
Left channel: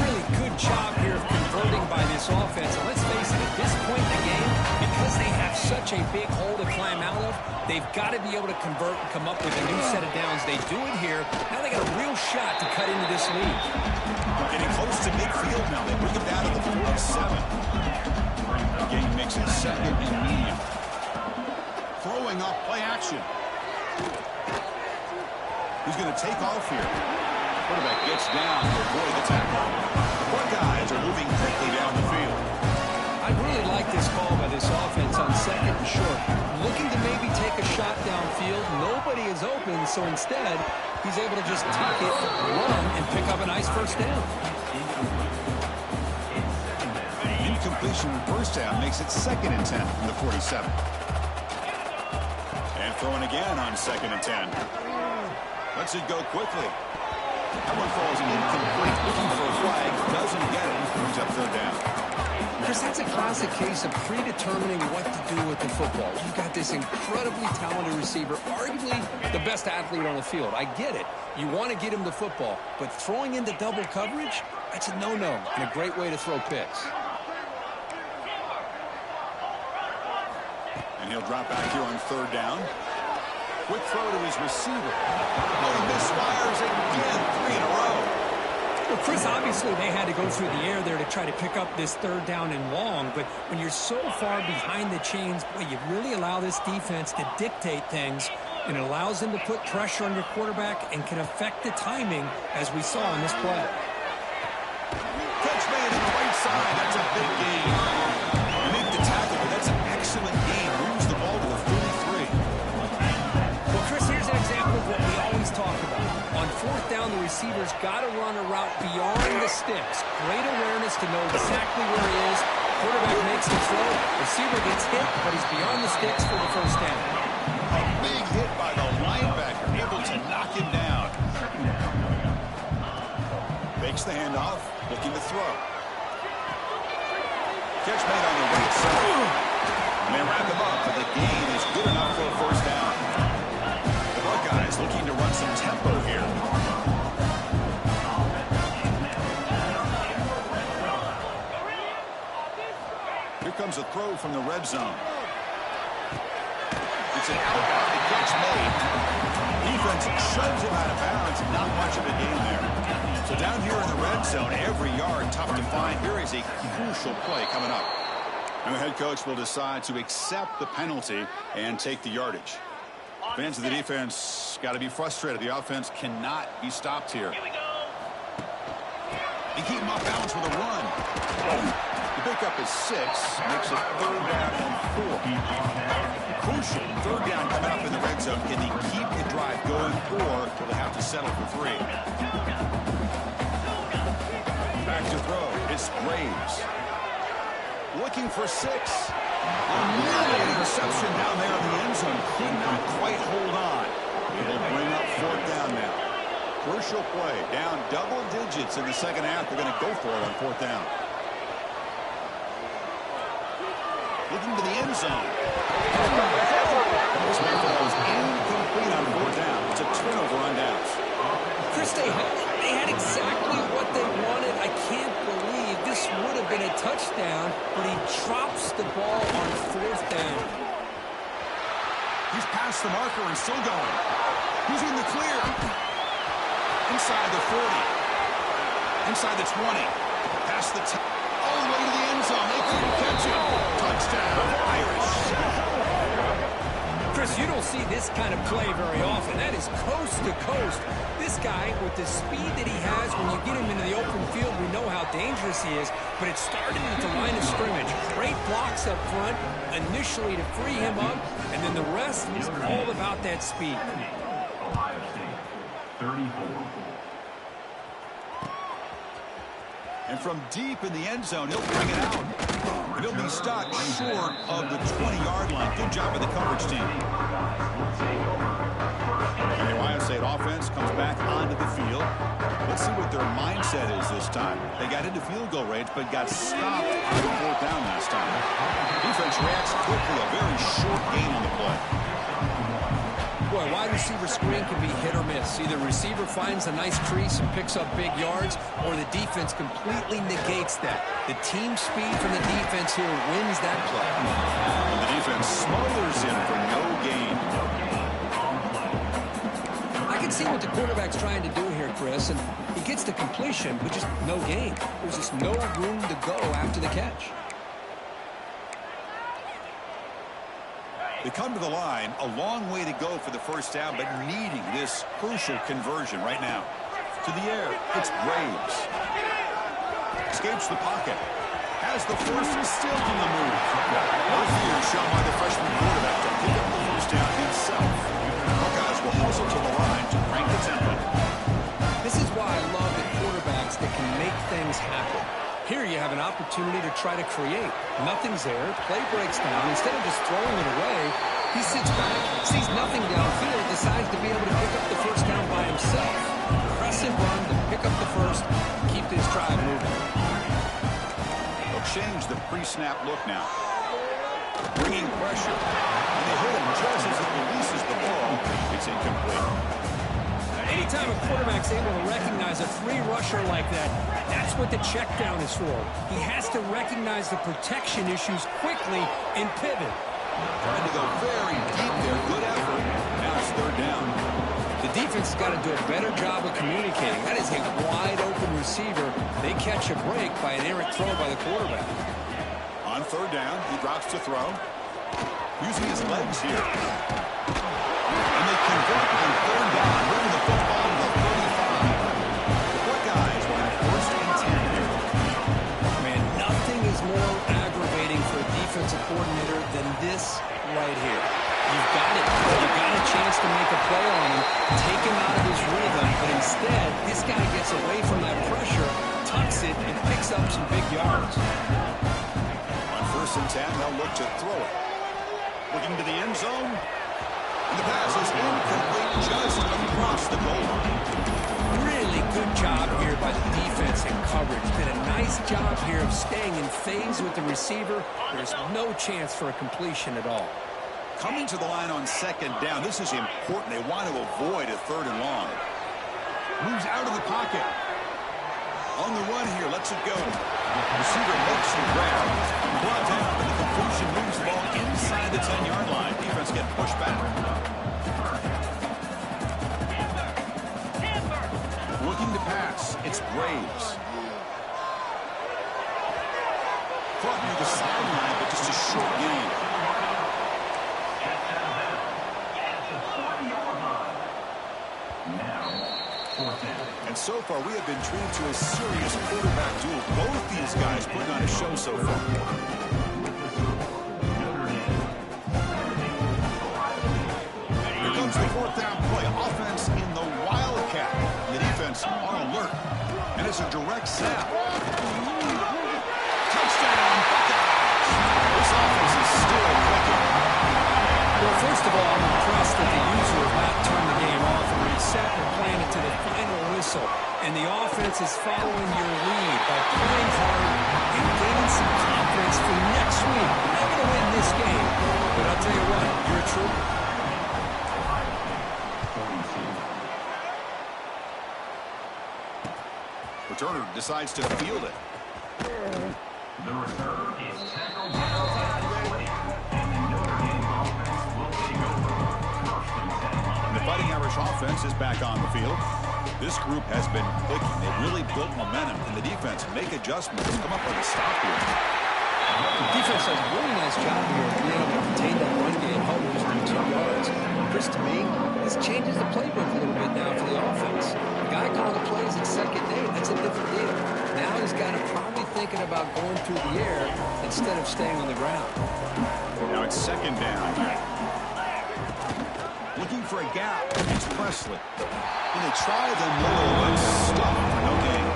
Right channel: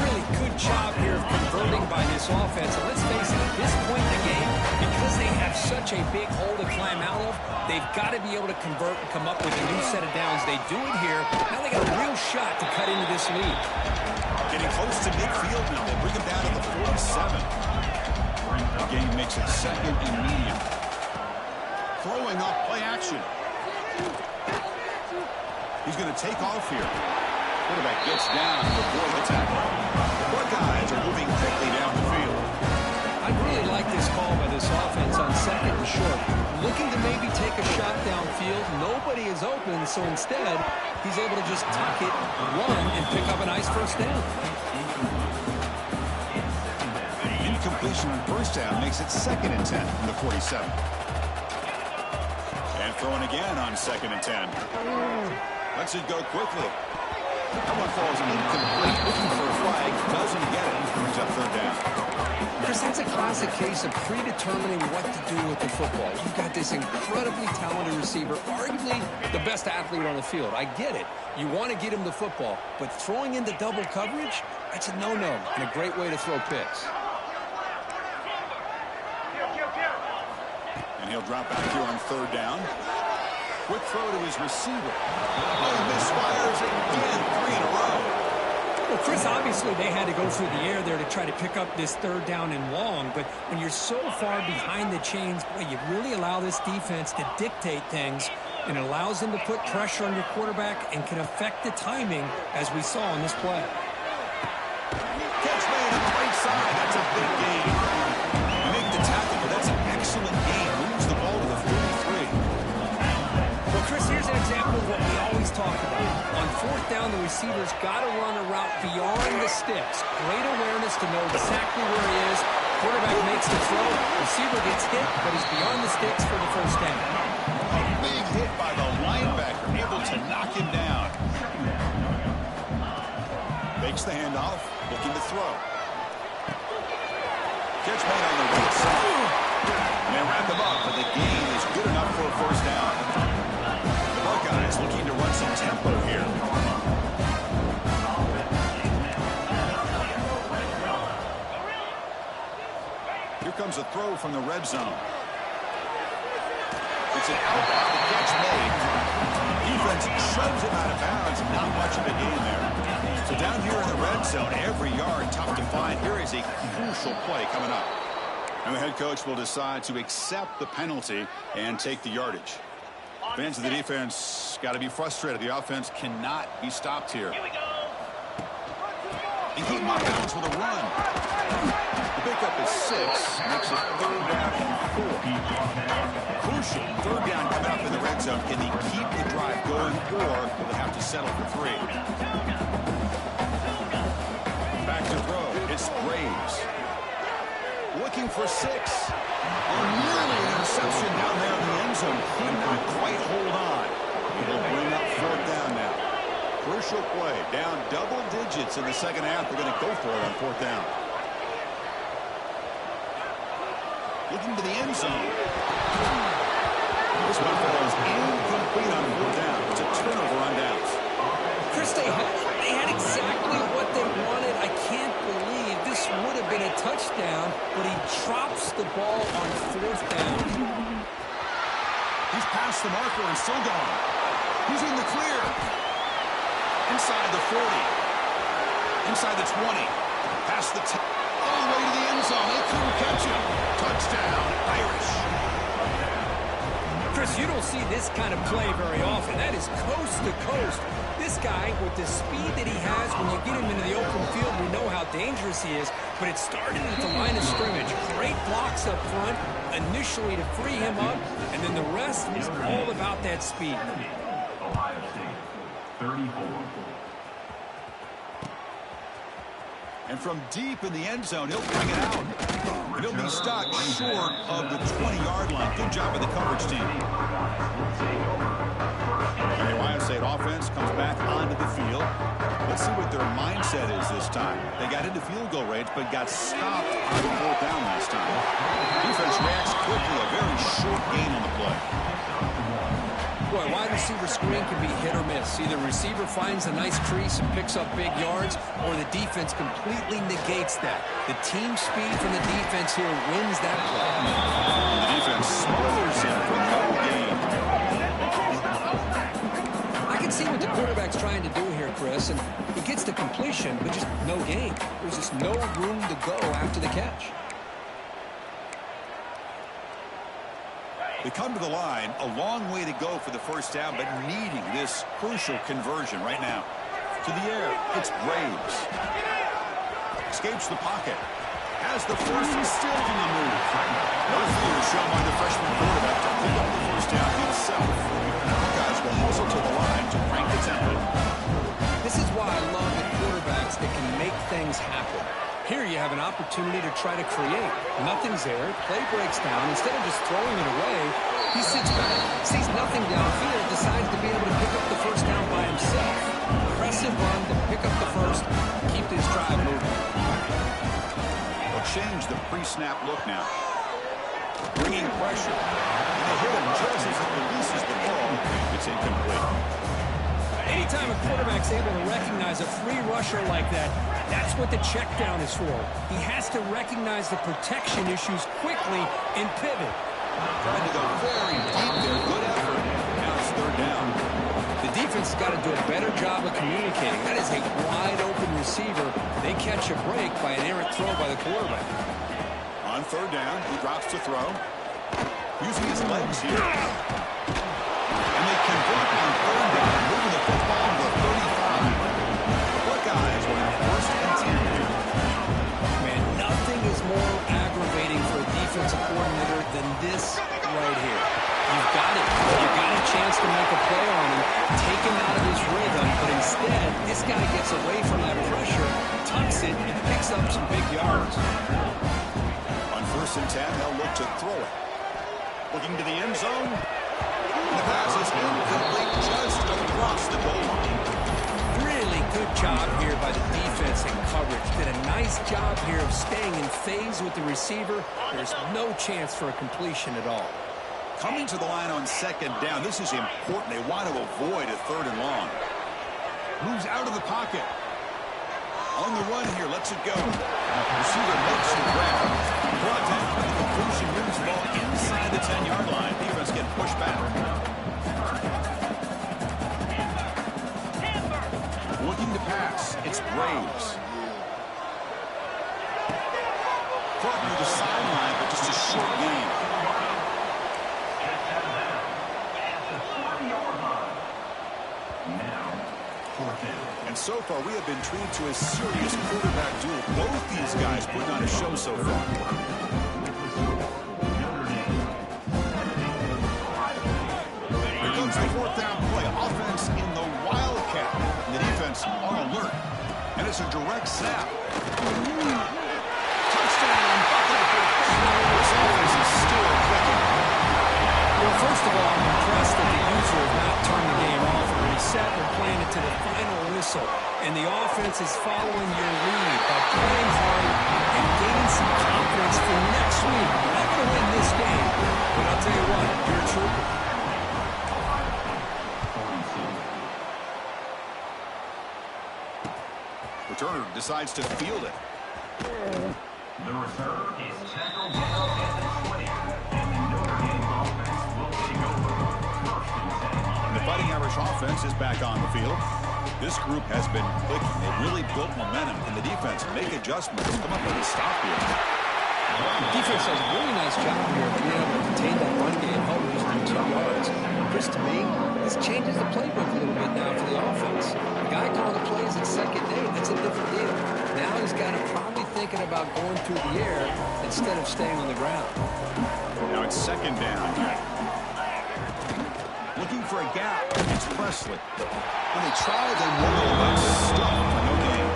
Really good job here of converting by this offense. And let's face it, at this point in the game, because they have such a big hole to climb out of, they've got to be able to convert and come up with a new set of downs. They do it here. Now they got a real shot to cut into this lead. Getting close to midfield now. They bring him down to the 47. The game makes it 2nd and medium. Throwing off play action. He's going to take off here. Quarterback gets down to avoid the tackle. The Buckeyes are moving quickly down the field. I really like this call by this offense on 2nd and short. Looking to maybe take a shot downfield. Nobody is open, so instead, he's able to just tuck it, run, and pick up a nice first down. Incompletion on first down makes it 2nd and 10 from the 47. And throwing again on 2nd and 10. Lets it go quickly. That one falls incomplete. Looking for a flag. Doesn't get it. Brings up 3rd down. Chris, that's a classic case of predetermining what to do with the football. You've got this incredibly talented receiver, arguably the best athlete on the field. I get it. You want to get him the football, but throwing into double coverage, that's a no-no and a great way to throw picks. And he'll drop back here on 3rd down. Quick throw to his receiver. Oh, he misfires again. 3 in a row. Well, Chris, obviously they had to go through the air there to try to pick up this 3rd down and long, but when you're so far behind the chains, boy, you really allow this defense to dictate things, and it allows them to put pressure on your quarterback and can affect the timing, as we saw in this play. Catch made on the right side. That's a big gain. You make the tackle, but that's an excellent gain. Moves the ball to the 33. Well, Chris, here's an example of what we always talk about. On 4th down, the receiver's got to run a route beyond the sticks. Great awareness to know exactly where he is. Quarterback makes the throw. Receiver gets hit, but he's beyond the sticks for the first down. A big hit by the linebacker, able to knock him down. Fakes the handoff, looking to throw. Catch made on the right side. And they wrap him up, but the gain is good enough for a first down. The Buckeyes looking to run some tempo here. Here comes a throw from the red zone. It's an out-back, the catch made. Defense shoves him out of bounds. Not much of a gain there. So down here in the red zone, every yard tough to find. Here is a crucial play coming up. And the head coach will decide to accept the penalty and take the yardage. Fans of the defense got to be frustrated. The offense cannot be stopped here. And keep him off balance with a run. The pickup is 6, makes it 3rd down and 4. Crucial 3rd down coming up in the red zone. Can they keep the drive going, or will they have to settle for 3? Back to throw. It's Graves. Looking for 6. Nearly an interception down there in the end zone. Could not quite hold on. It'll bring up 4th down now. Crucial play. Down double digits in the second half. They're going to go for it on 4th down. Looking to the end zone. This one falls incomplete on 4th down. It's a turnover on downs. Chris, they had exactly what they wanted. I can't believe this would have been a touchdown, but he drops the ball on 4th down. He's past the marker and still going. He's in the clear. Inside the 40. Inside the 20. Past the 10. All the way to the end zone. They couldn't catch him. Touchdown, Irish. Chris, you don't see this kind of play very often. That is coast to coast. This guy, with the speed that he has, when you get him into the open field, we know how dangerous he is, but it started at the line of scrimmage. Great blocks up front, initially to free him up, and then the rest is all about that speed. Ohio State, 34. And from deep in the end zone, he'll bring it out. But he'll be stopped short of the 20-yard line. Good job by the coverage team. And the Ohio State offense comes back onto the field. Let's see what their mindset is this time. They got into field goal range, but got stopped on 4th down last time. Defense reacts quickly. A very short gain on the play. Boy, wide receiver screen can be hit or miss. Either receiver finds a nice crease and picks up big yards, or the defense completely negates that. The team speed from the defense here wins that play. And the defense smothers him for no gain. I can see what the quarterback's trying to do here, Chris, and he gets the completion, but just no gain. There's just no room to go after the catch. They come to the line, a long way to go for the 1st down, but needing this crucial conversion right now. To the air, it's Graves. Escapes the pocket. Has the first, still on the move. No fear shown by the freshman quarterback to pick up the 1st down himself. Buckeyes will hustle to the line to crank the tempo. This is why I love the quarterbacks that can make things happen. Here you have an opportunity to try to create. Nothing's there. Play breaks down. Instead of just throwing it away, he sits back, sees nothing downfield, decides to be able to pick up the 1st down by himself. Impressive run to pick up the 1st, keep this drive moving. They'll change the pre-snap look now. Bringing pressure. And they hit him just as he releases the ball. It's incomplete. Anytime a quarterback's able to recognize a free rusher like that, that's what the check down is for. He has to recognize the protection issues quickly and pivot. Trying to go very deep there. Good effort. Now it's 3rd down. The defense has got to do a better job of communicating. That is a wide-open receiver. They catch a break by an errant throw by the quarterback. On 3rd down, he drops to throw. Using his legs here. And they convert on 3rd down, moving the football to the 35. The Buckeyes were in 1st and 10 here. Man, nothing is more aggravating for a defensive coordinator than this right here. You've got it. You've got a chance to make a play on him, take him out of his rhythm, but instead, this guy gets away from that pressure, tucks it, and picks up some big yards. On 1st and 10, they'll look to throw it. Looking to the end zone. And the pass is incomplete just across the goal line. Really good job here by the defense in coverage. Did a nice job here of staying in phase with the receiver. There's no chance for a completion at all. Coming to the line on 2nd down. This is important. They want to avoid a 3rd and long. Moves out of the pocket. On the run here, lets it go. Receiver makes the grab. Brought down, but the completion moves the ball inside the 10-yard line. Defense getting pushed back. Looking to pass. It's Graves. Caught near the sideline, but just just a short gain. And so far, we have been treated to a serious quarterback duel. Both these guys putting on a show so far. Here comes the fourth down play. Offense in the Wildcat. The defense on alert. And it's a direct snap. Touchdown, Buckeyes. This offense is still clicking. Well, first of all, I'm impressed that the user has not turned the game off and reset and playing it to the final whistle. And the offense is following your lead by playing hard and gaining some confidence for next week. You're not going to win this game, but I'll tell you what, you're a trooper. Returner decides to field it. The return is tackled down at the 20, and the Notre Dame offense will take over. First and 10. And the Fighting Irish offense is back on the field. This group has been clicking. They've really built momentum, and the defense make adjustments. Come up with a stop here. The defense does a really nice job here of being able to contain that run game, holding just 2 yards. Chris, to me, this changes the playbook a little bit now for the offense. The guy calling the plays at second day, that's a different deal. Now he's got to probably thinking about going through the air instead of staying on the ground. Now it's second down. Looking for a gap. It's Presley. When they try, then Morrill, but stuck for no gain.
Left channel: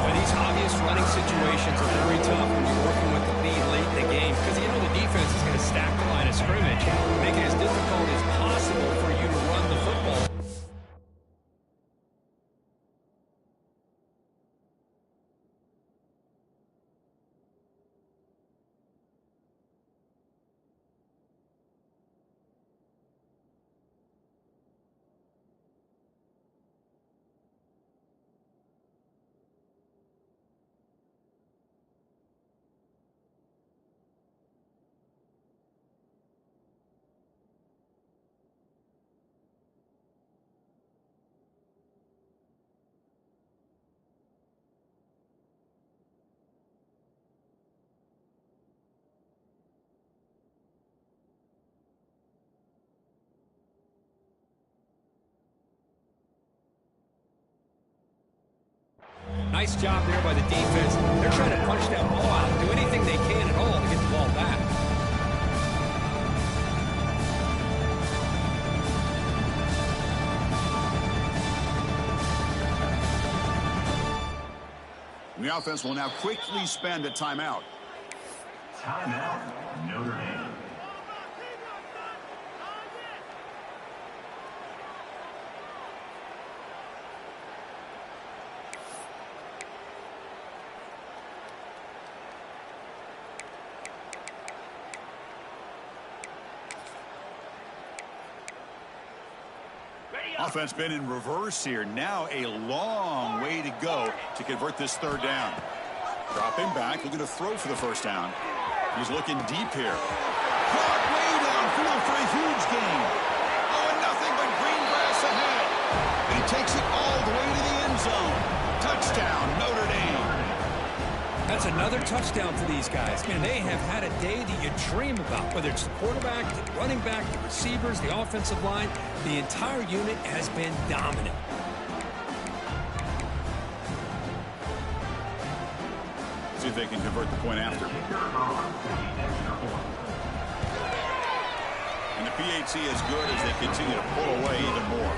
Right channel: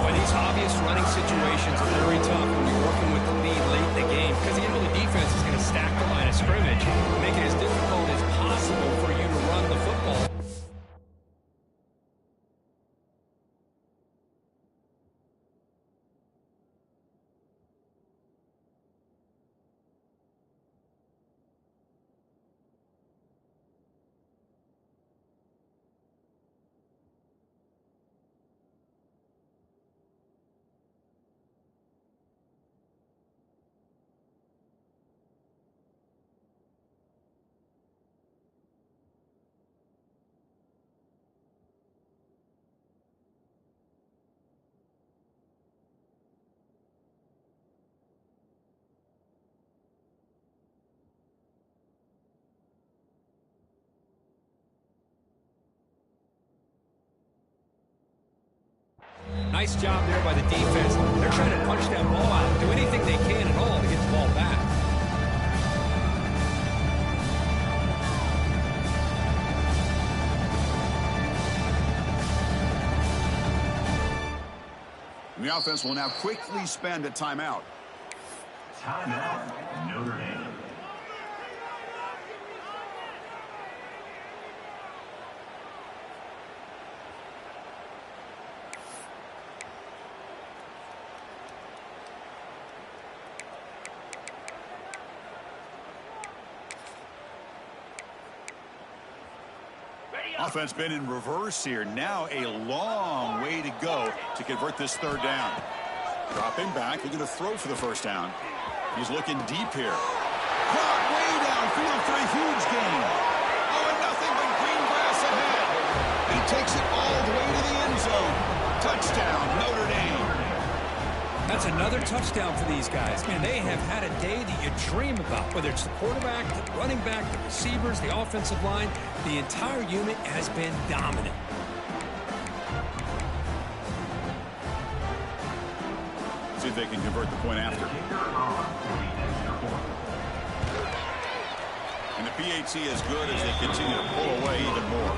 Boy, these obvious running situations are very tough when you're working with the lead late in the game because you know the defense is going to stack the line of scrimmage, make it as difficult as possible for you to run the football. Nice job there by the defense. They're trying to punch that ball out and do anything they can at all to get the ball back. The offense will now quickly spend a timeout. Timeout, Notre Dame. Offense been in reverse here. Now a long way to go to convert this third down. Dropping back, looking to throw for the first down. He's looking deep here. Caught way downfield for a huge gain. Oh, and nothing but green grass ahead. And he takes it all the way to the end zone. Touchdown, Notre Dame. That's another touchdown for these guys. Man, they have had a day that you dream about, whether it's the quarterback, the running back, the receivers, the offensive line. The entire unit has been dominant. See if they can convert the point after. And the PAT is good as they continue to pull away even more.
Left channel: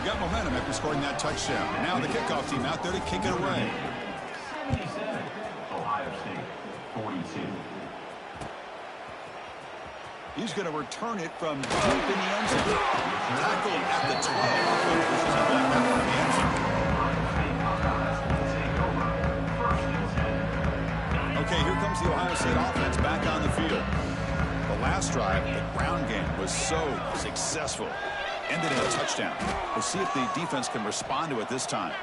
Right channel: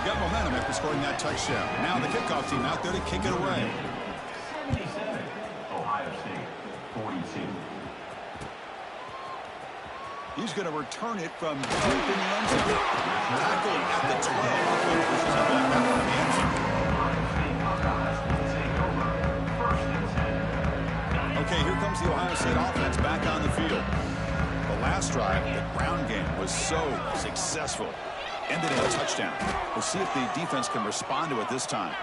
You got momentum after scoring that touchdown. Now the kickoff team out there to kick it away. 77, Ohio State, 42. He's going to return it from deep in the end zone. Tackled at the 12. Pushes it back out from the end zone. Okay, here comes the Ohio State offense back on the field. The last drive, the ground game was so successful. Ended in a touchdown. We'll see if the defense can respond to it this time.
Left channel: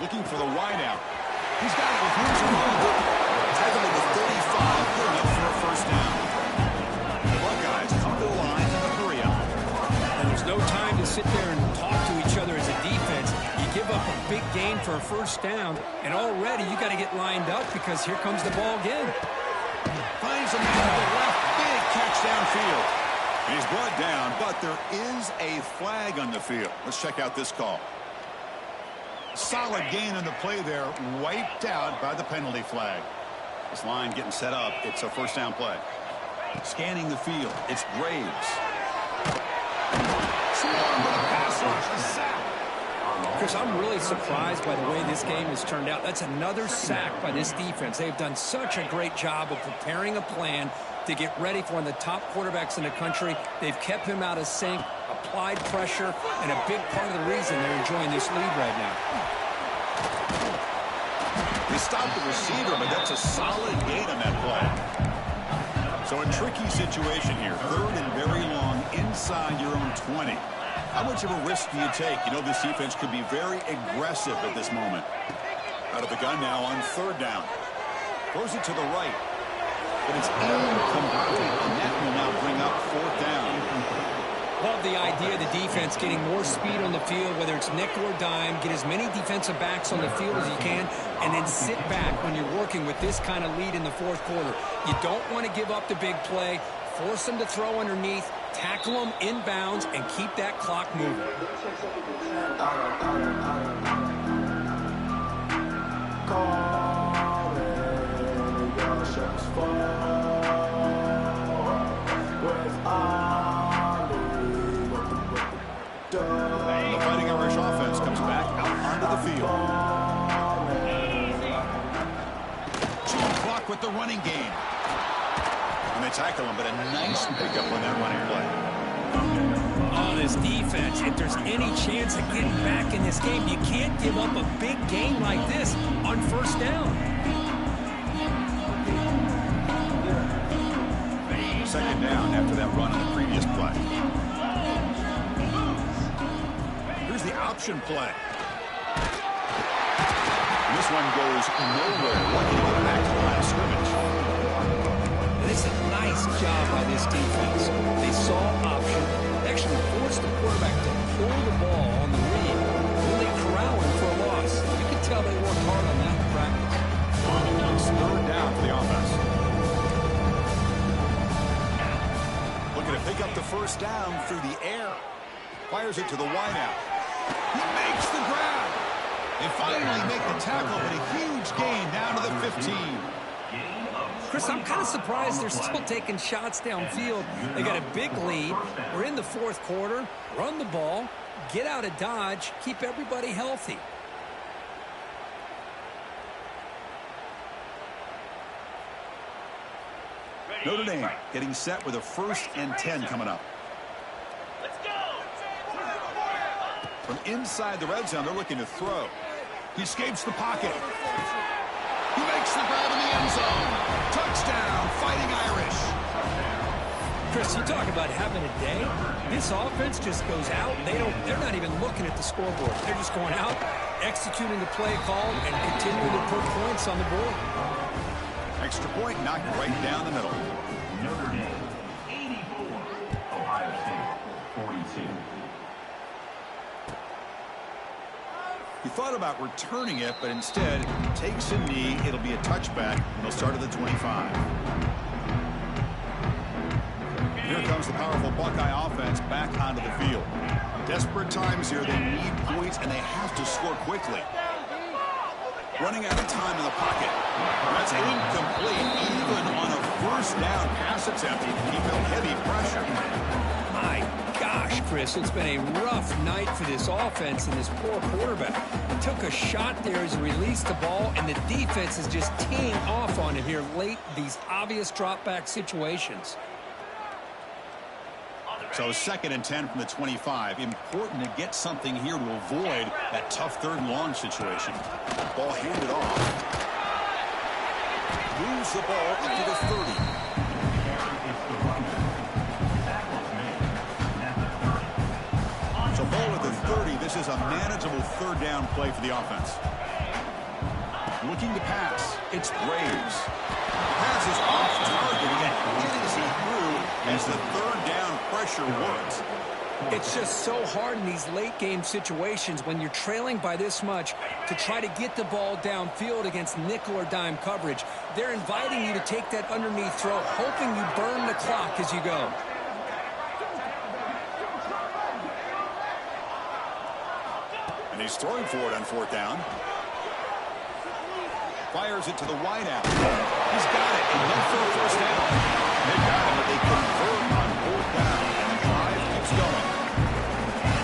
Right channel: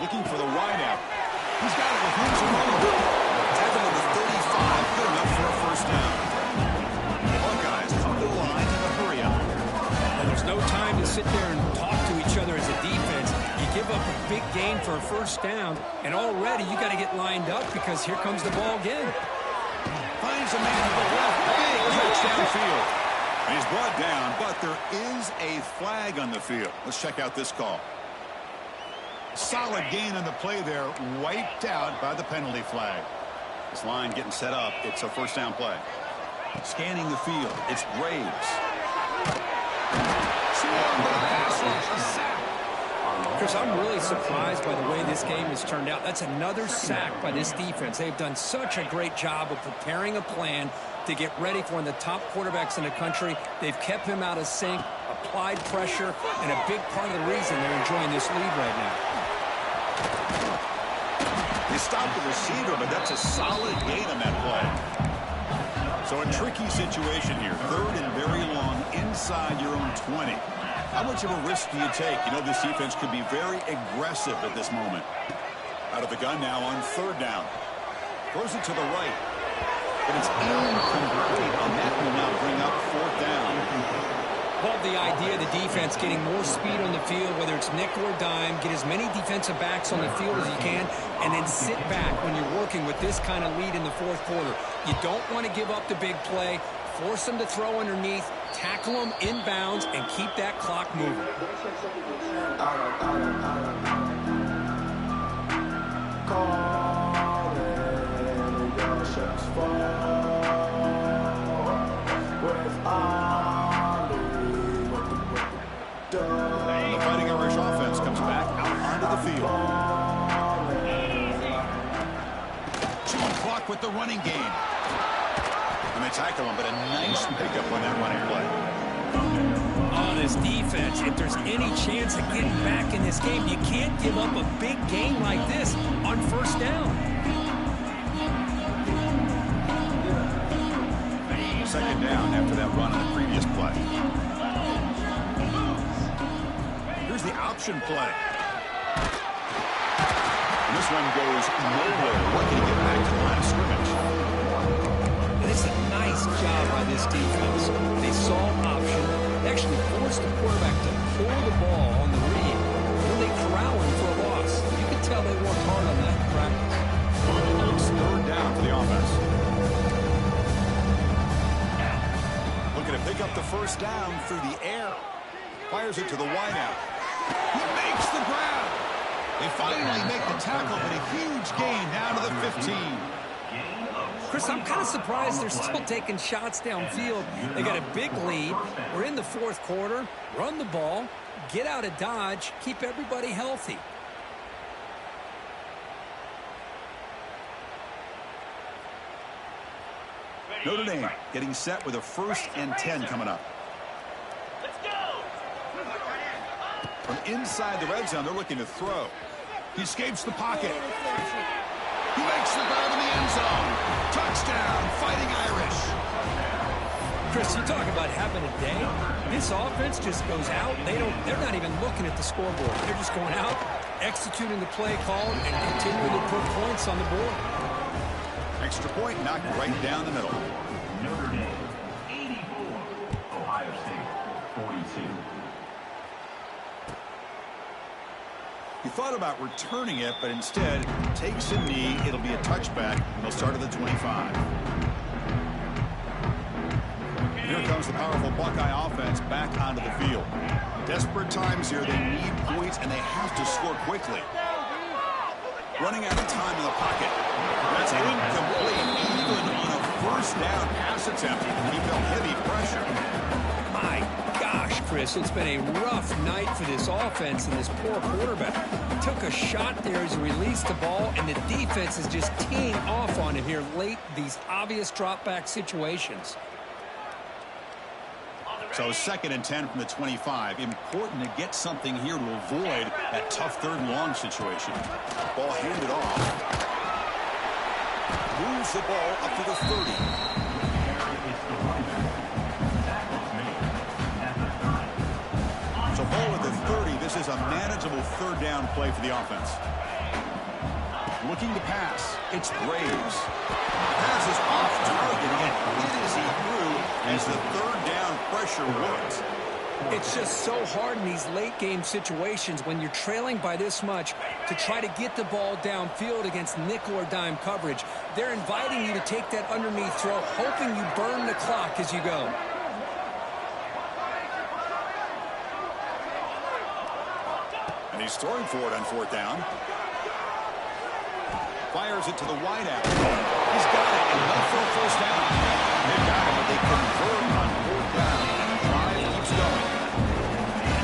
Looking for the wideout. He's got it with room to run. Tackled at the 35. Good enough for a first down. The Buckeyes come to the line in a hurry up. And there's no time to sit there and talk to each other as a defense. You give up a big gain for a first down, and already you got to get lined up because here comes the ball again. finds a man to the left. Big catch downfield. And he's brought down, but there is a flag on the field. Let's check out this call. Solid gain on the play there, wiped out by the penalty flag. This line getting set up. It's a first down play. Scanning the field. It's Braves. Swarmed with a pass rush. A sack. Chris, I'm really surprised by the way this game has turned out. That's another sack by this defense. They've done such a great job of preparing a plan to get ready for one of the top quarterbacks in the country. They've kept him out of sync, applied pressure, and a big part of the reason they're enjoying this lead right now. They stopped the receiver, but that's a solid gain on that play. So a tricky situation here. Third and very long inside your own 20. How much of a risk do you take? You know, this defense could be very aggressive at this moment. Out of the gun now on third down. Throws it to the right. But it's incomplete on that will now bring up fourth down. Love the idea of the defense getting more speed on the field, whether it's nickel or dime, get as many defensive backs on the field as you can, and then sit back when you're working with this kind of lead in the fourth quarter. You don't want to give up the big play, force them to throw underneath, tackle them inbounds, and keep that clock moving. The Fighting Irish offense comes back out onto the field. Chewing clock with the running game. And they tackle him, but a nice pickup on that running play. Oh, this defense, if there's any chance of getting back in this game, you can't give up a big game like this on first down. Second down after that run on the previous play. Here's the option play. And this one goes nowhere. Lucky to get back to the line of scrimmage. And it's a nice job by this defense. They saw option. They actually forced the quarterback to pull the ball on the read. Then they corral him for a loss. You can tell they worked hard on that in practice. It's third down for the offense. Looking to pick up the first down through the air. Fires it to the wideout. He makes the grab. They finally make the tackle, but a huge gain down to the 15. Chris, I'm kind of surprised they're still taking shots downfield. They got a big lead. We're in the fourth quarter. Run the ball. Get out of Dodge. Keep everybody healthy. Notre Dame getting set with a 1st and 10 coming up. Let's go. From inside the red zone, they're looking to throw. He escapes the pocket. He makes the grab in the end zone. Touchdown, Fighting Irish. Chris, you talk about having a day. This offense just goes out. They're not even looking at the scoreboard. They're just going out, executing the play called, and continuing to put points on the board. Extra point knocked right down the middle. Notre Dame, 84. Ohio State, 42. He thought about returning it, but instead takes a knee. It'll be a touchback, and they'll start at the 25. Here comes the powerful Buckeye offense back onto the field. Desperate times here. They need points, and they have to score quickly. Running out of time in the pocket. That's incomplete, even on a first down pass attempt. He felt heavy pressure. My gosh, Chris, it's been a rough night for this offense and this poor quarterback. Took a shot there as he released the ball, and the defense is just teeing off on him here late, these obvious drop-back situations. So 2nd and 10 from the 25. Important to get something here to avoid that tough 3rd and long situation. Ball handed off. Moves the ball up to the 30. So ball at the 30. This is a manageable 3rd down play for the offense. Looking to pass. It's Braves. Pass is off target. Again, hit as he threw as the 3rd down pressure works. It's just so hard in these late game situations when you're trailing by this much to try to get the ball downfield against nickel or dime coverage. They're inviting you to take that underneath throw, hoping you burn the clock as you go. And he's throwing for it on fourth down. Fires it to the wideout. He's got it, enough for a first down. They've got him, but they convert on fourth down, and the drive keeps going.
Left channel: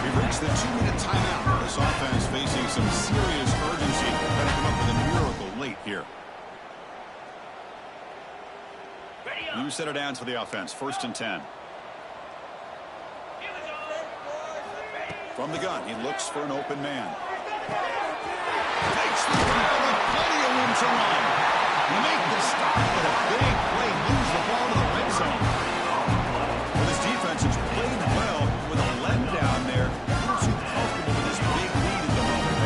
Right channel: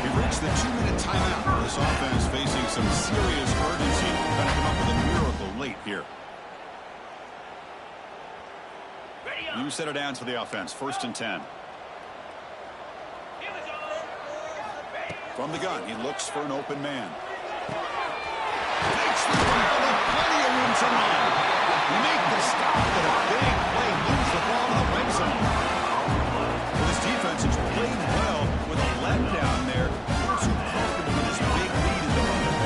We've reached the 2-minute timeout. This offense facing some serious urgency. Trying to come up with a miracle late here. You set it down to the offense. 1st and 10. From the gun, he looks for an open man. Takes the ball, plenty of room to run. You make the stop, but a big play moves the ball to the red zone. Well, this defense has played well with a letdown there. A little too comfortable with this big lead at the moment,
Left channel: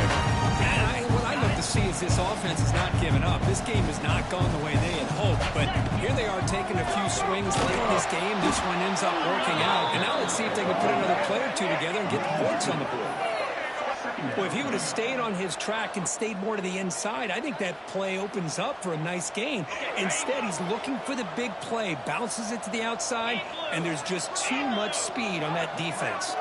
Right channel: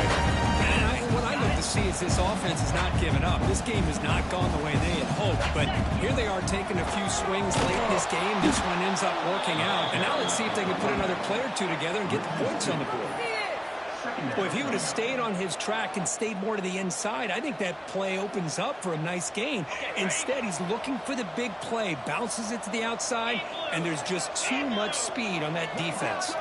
And what I look to see is this offense is not giving up. This game has not gone the way they had hoped, but here they are taking a few swings late in this game. This one ends up working out, and now let's see if they can put another play or two together and get the points on the board. Well, if he would have stayed on his track and stayed more to the inside, I think that play opens up for a nice gain. Instead, he's looking for the big play, bounces it to the outside, and there's just too much speed on that defense.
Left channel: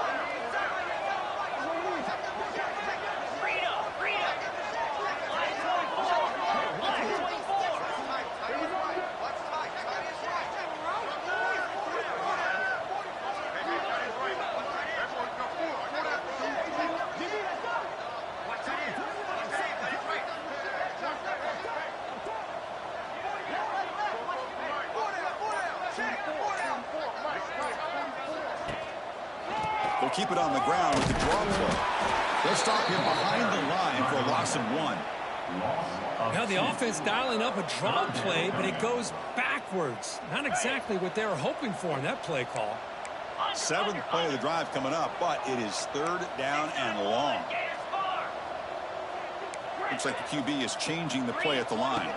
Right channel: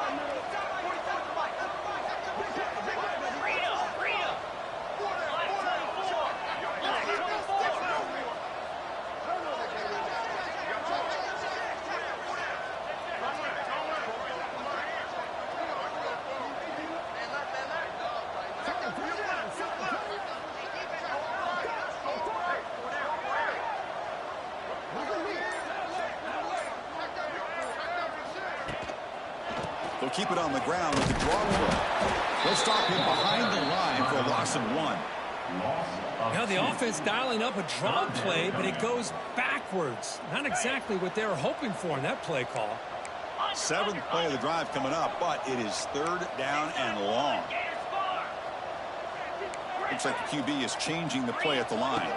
They'll keep it on the ground with the draw play. They'll stop him behind the line for a loss of 1. Now the offense dialing up a draw play, but it goes backwards. Not exactly what they were hoping for in that play call. 7th play of the drive coming up, but it is 3rd down and long. Looks like the QB is changing the play at the line.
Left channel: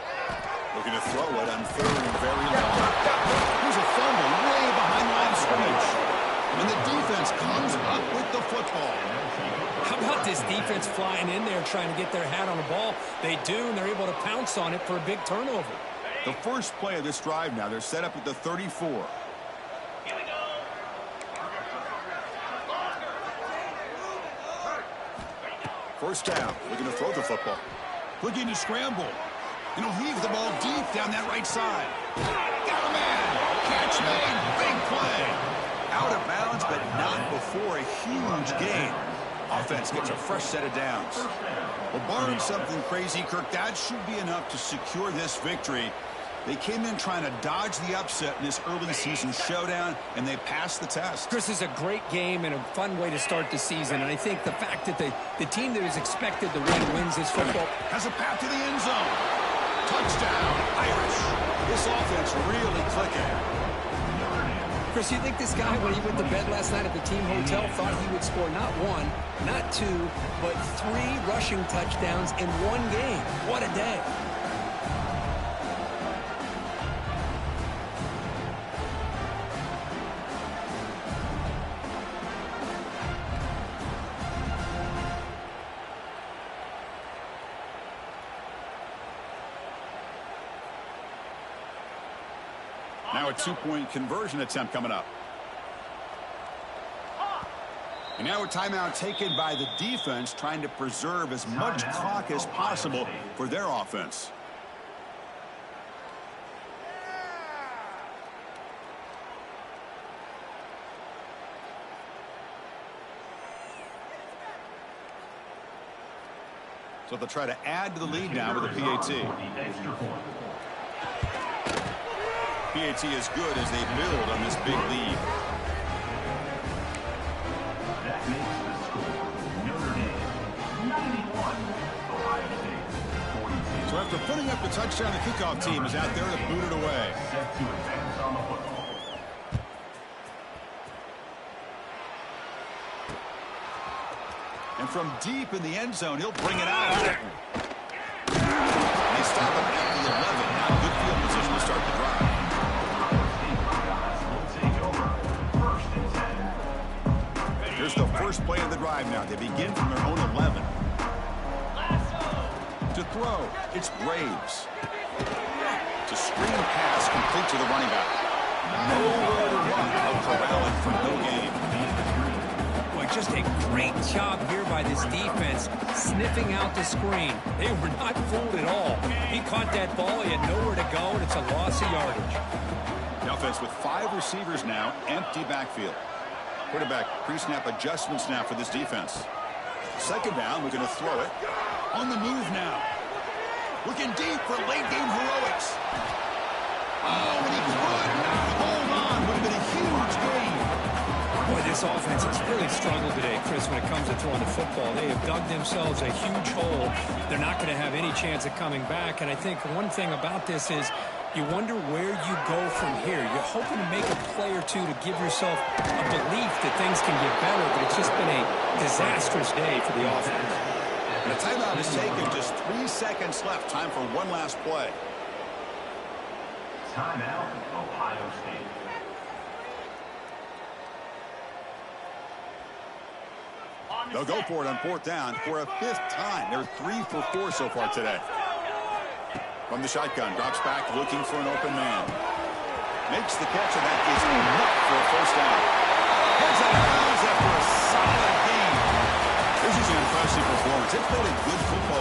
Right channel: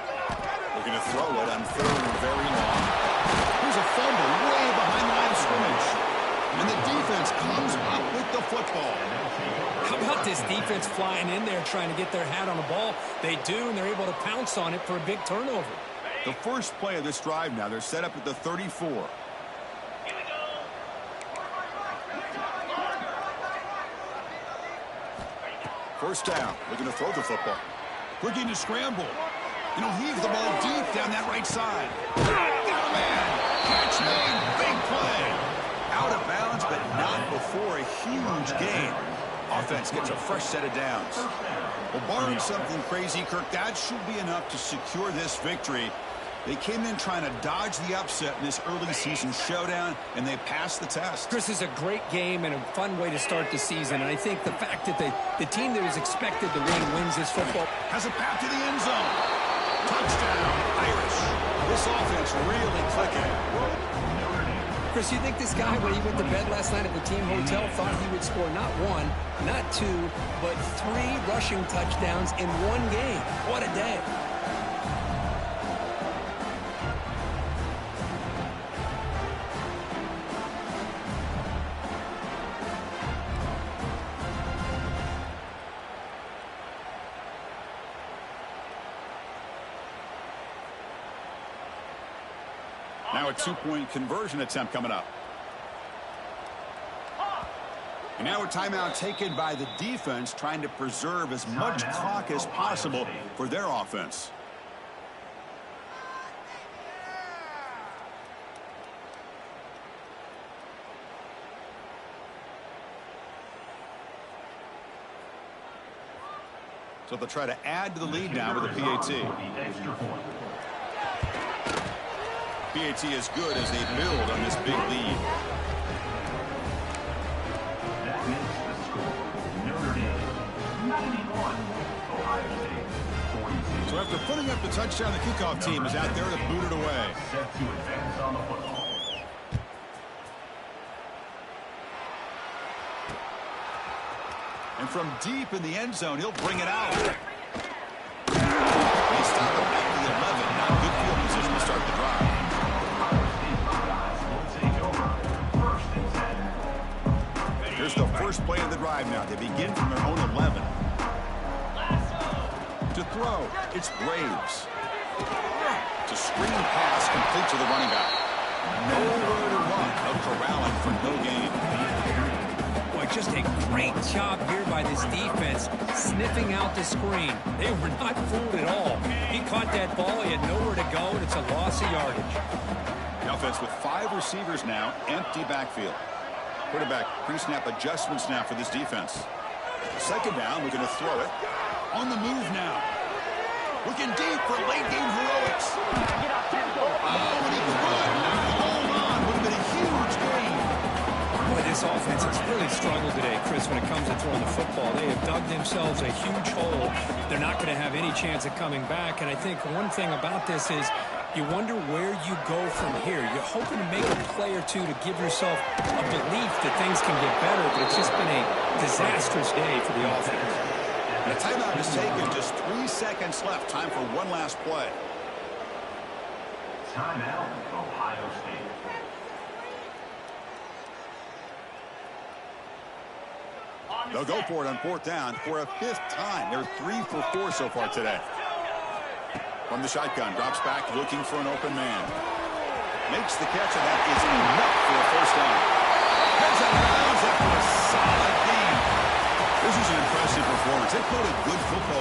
Looking to throw it on 3rd and very long. Here's a fumble way behind the line of scrimmage. And the defense comes up with the football. How about this defense flying in there trying to get their hat on the ball? They do, and they're able to pounce on it for a big turnover. The first play of this drive now, they're set up at the 34. First down, looking to throw the football. Looking to scramble. And he'll heave the ball deep down that right side. Got a man. Catch made. Big play. Out of bounds, but not before a huge gain. Offense gets a fresh set of downs. Well, barring something crazy, Kirk, that should be enough to secure this victory. They came in trying to dodge the upset in this early season showdown, and they passed the test. Chris, is a great game and a fun way to start the season. And I think the fact that the team that is expected to wins this football. Has a path to the end zone. Touchdown, Irish. This offense really clicking. Chris, you think this guy, when he went to bed last night at the team hotel, thought he would score not 1, not 2, but 3 rushing touchdowns in one game? What a day. Now a 2-point conversion attempt coming up. And now a timeout taken by the defense, trying to preserve as much clock as possible for their offense. So they'll try to add to the lead now with a PAT. PAT is good as they build on this big lead. That makes the score Notre Dame 91, Ohio State 42. So after putting up the touchdown, the kickoff team is out there to boot it away. Set to advance on the football. And from deep in the end zone, he'll bring it out. They stop him at the 11. Not good field position to start the drive. Here's the first play of the drive now. They begin from their own 11. To throw, it's Graves. To screen pass complete to the running back. Nowhere to run. A corralling for no gain. Boy, just a great job here by this defense, sniffing out the screen. They were not fooled at all. He caught that ball, he had nowhere to go, and it's a loss of yardage. The offense with 5 receivers now, empty backfield. Quarterback pre-snap adjustments now for this defense. Second down, we're going to throw it. On the move now. Looking deep for late game heroics. Oh, and he could hold on. Would have been a huge gain. Boy, this offense has really struggled today, Chris, when it comes to throwing the football. They have dug themselves a huge hole. They're not going to have any chance of coming back. And I think one thing about this is you wonder where you go from here. You're hoping to make a play or two to give yourself a belief that things can get better, but it's just been a disastrous day for the offense. And a timeout is taken. Just 3 seconds left. Time for one last play. Timeout, Ohio State. They'll go for it on 4th down for a 5th time. They're 3 for 4 so far today. From the shotgun, drops back looking for an open man. Makes the catch, and that is enough for a 1st down. Heads out of bounds after a solid game. This is an impressive performance. They played a good football team.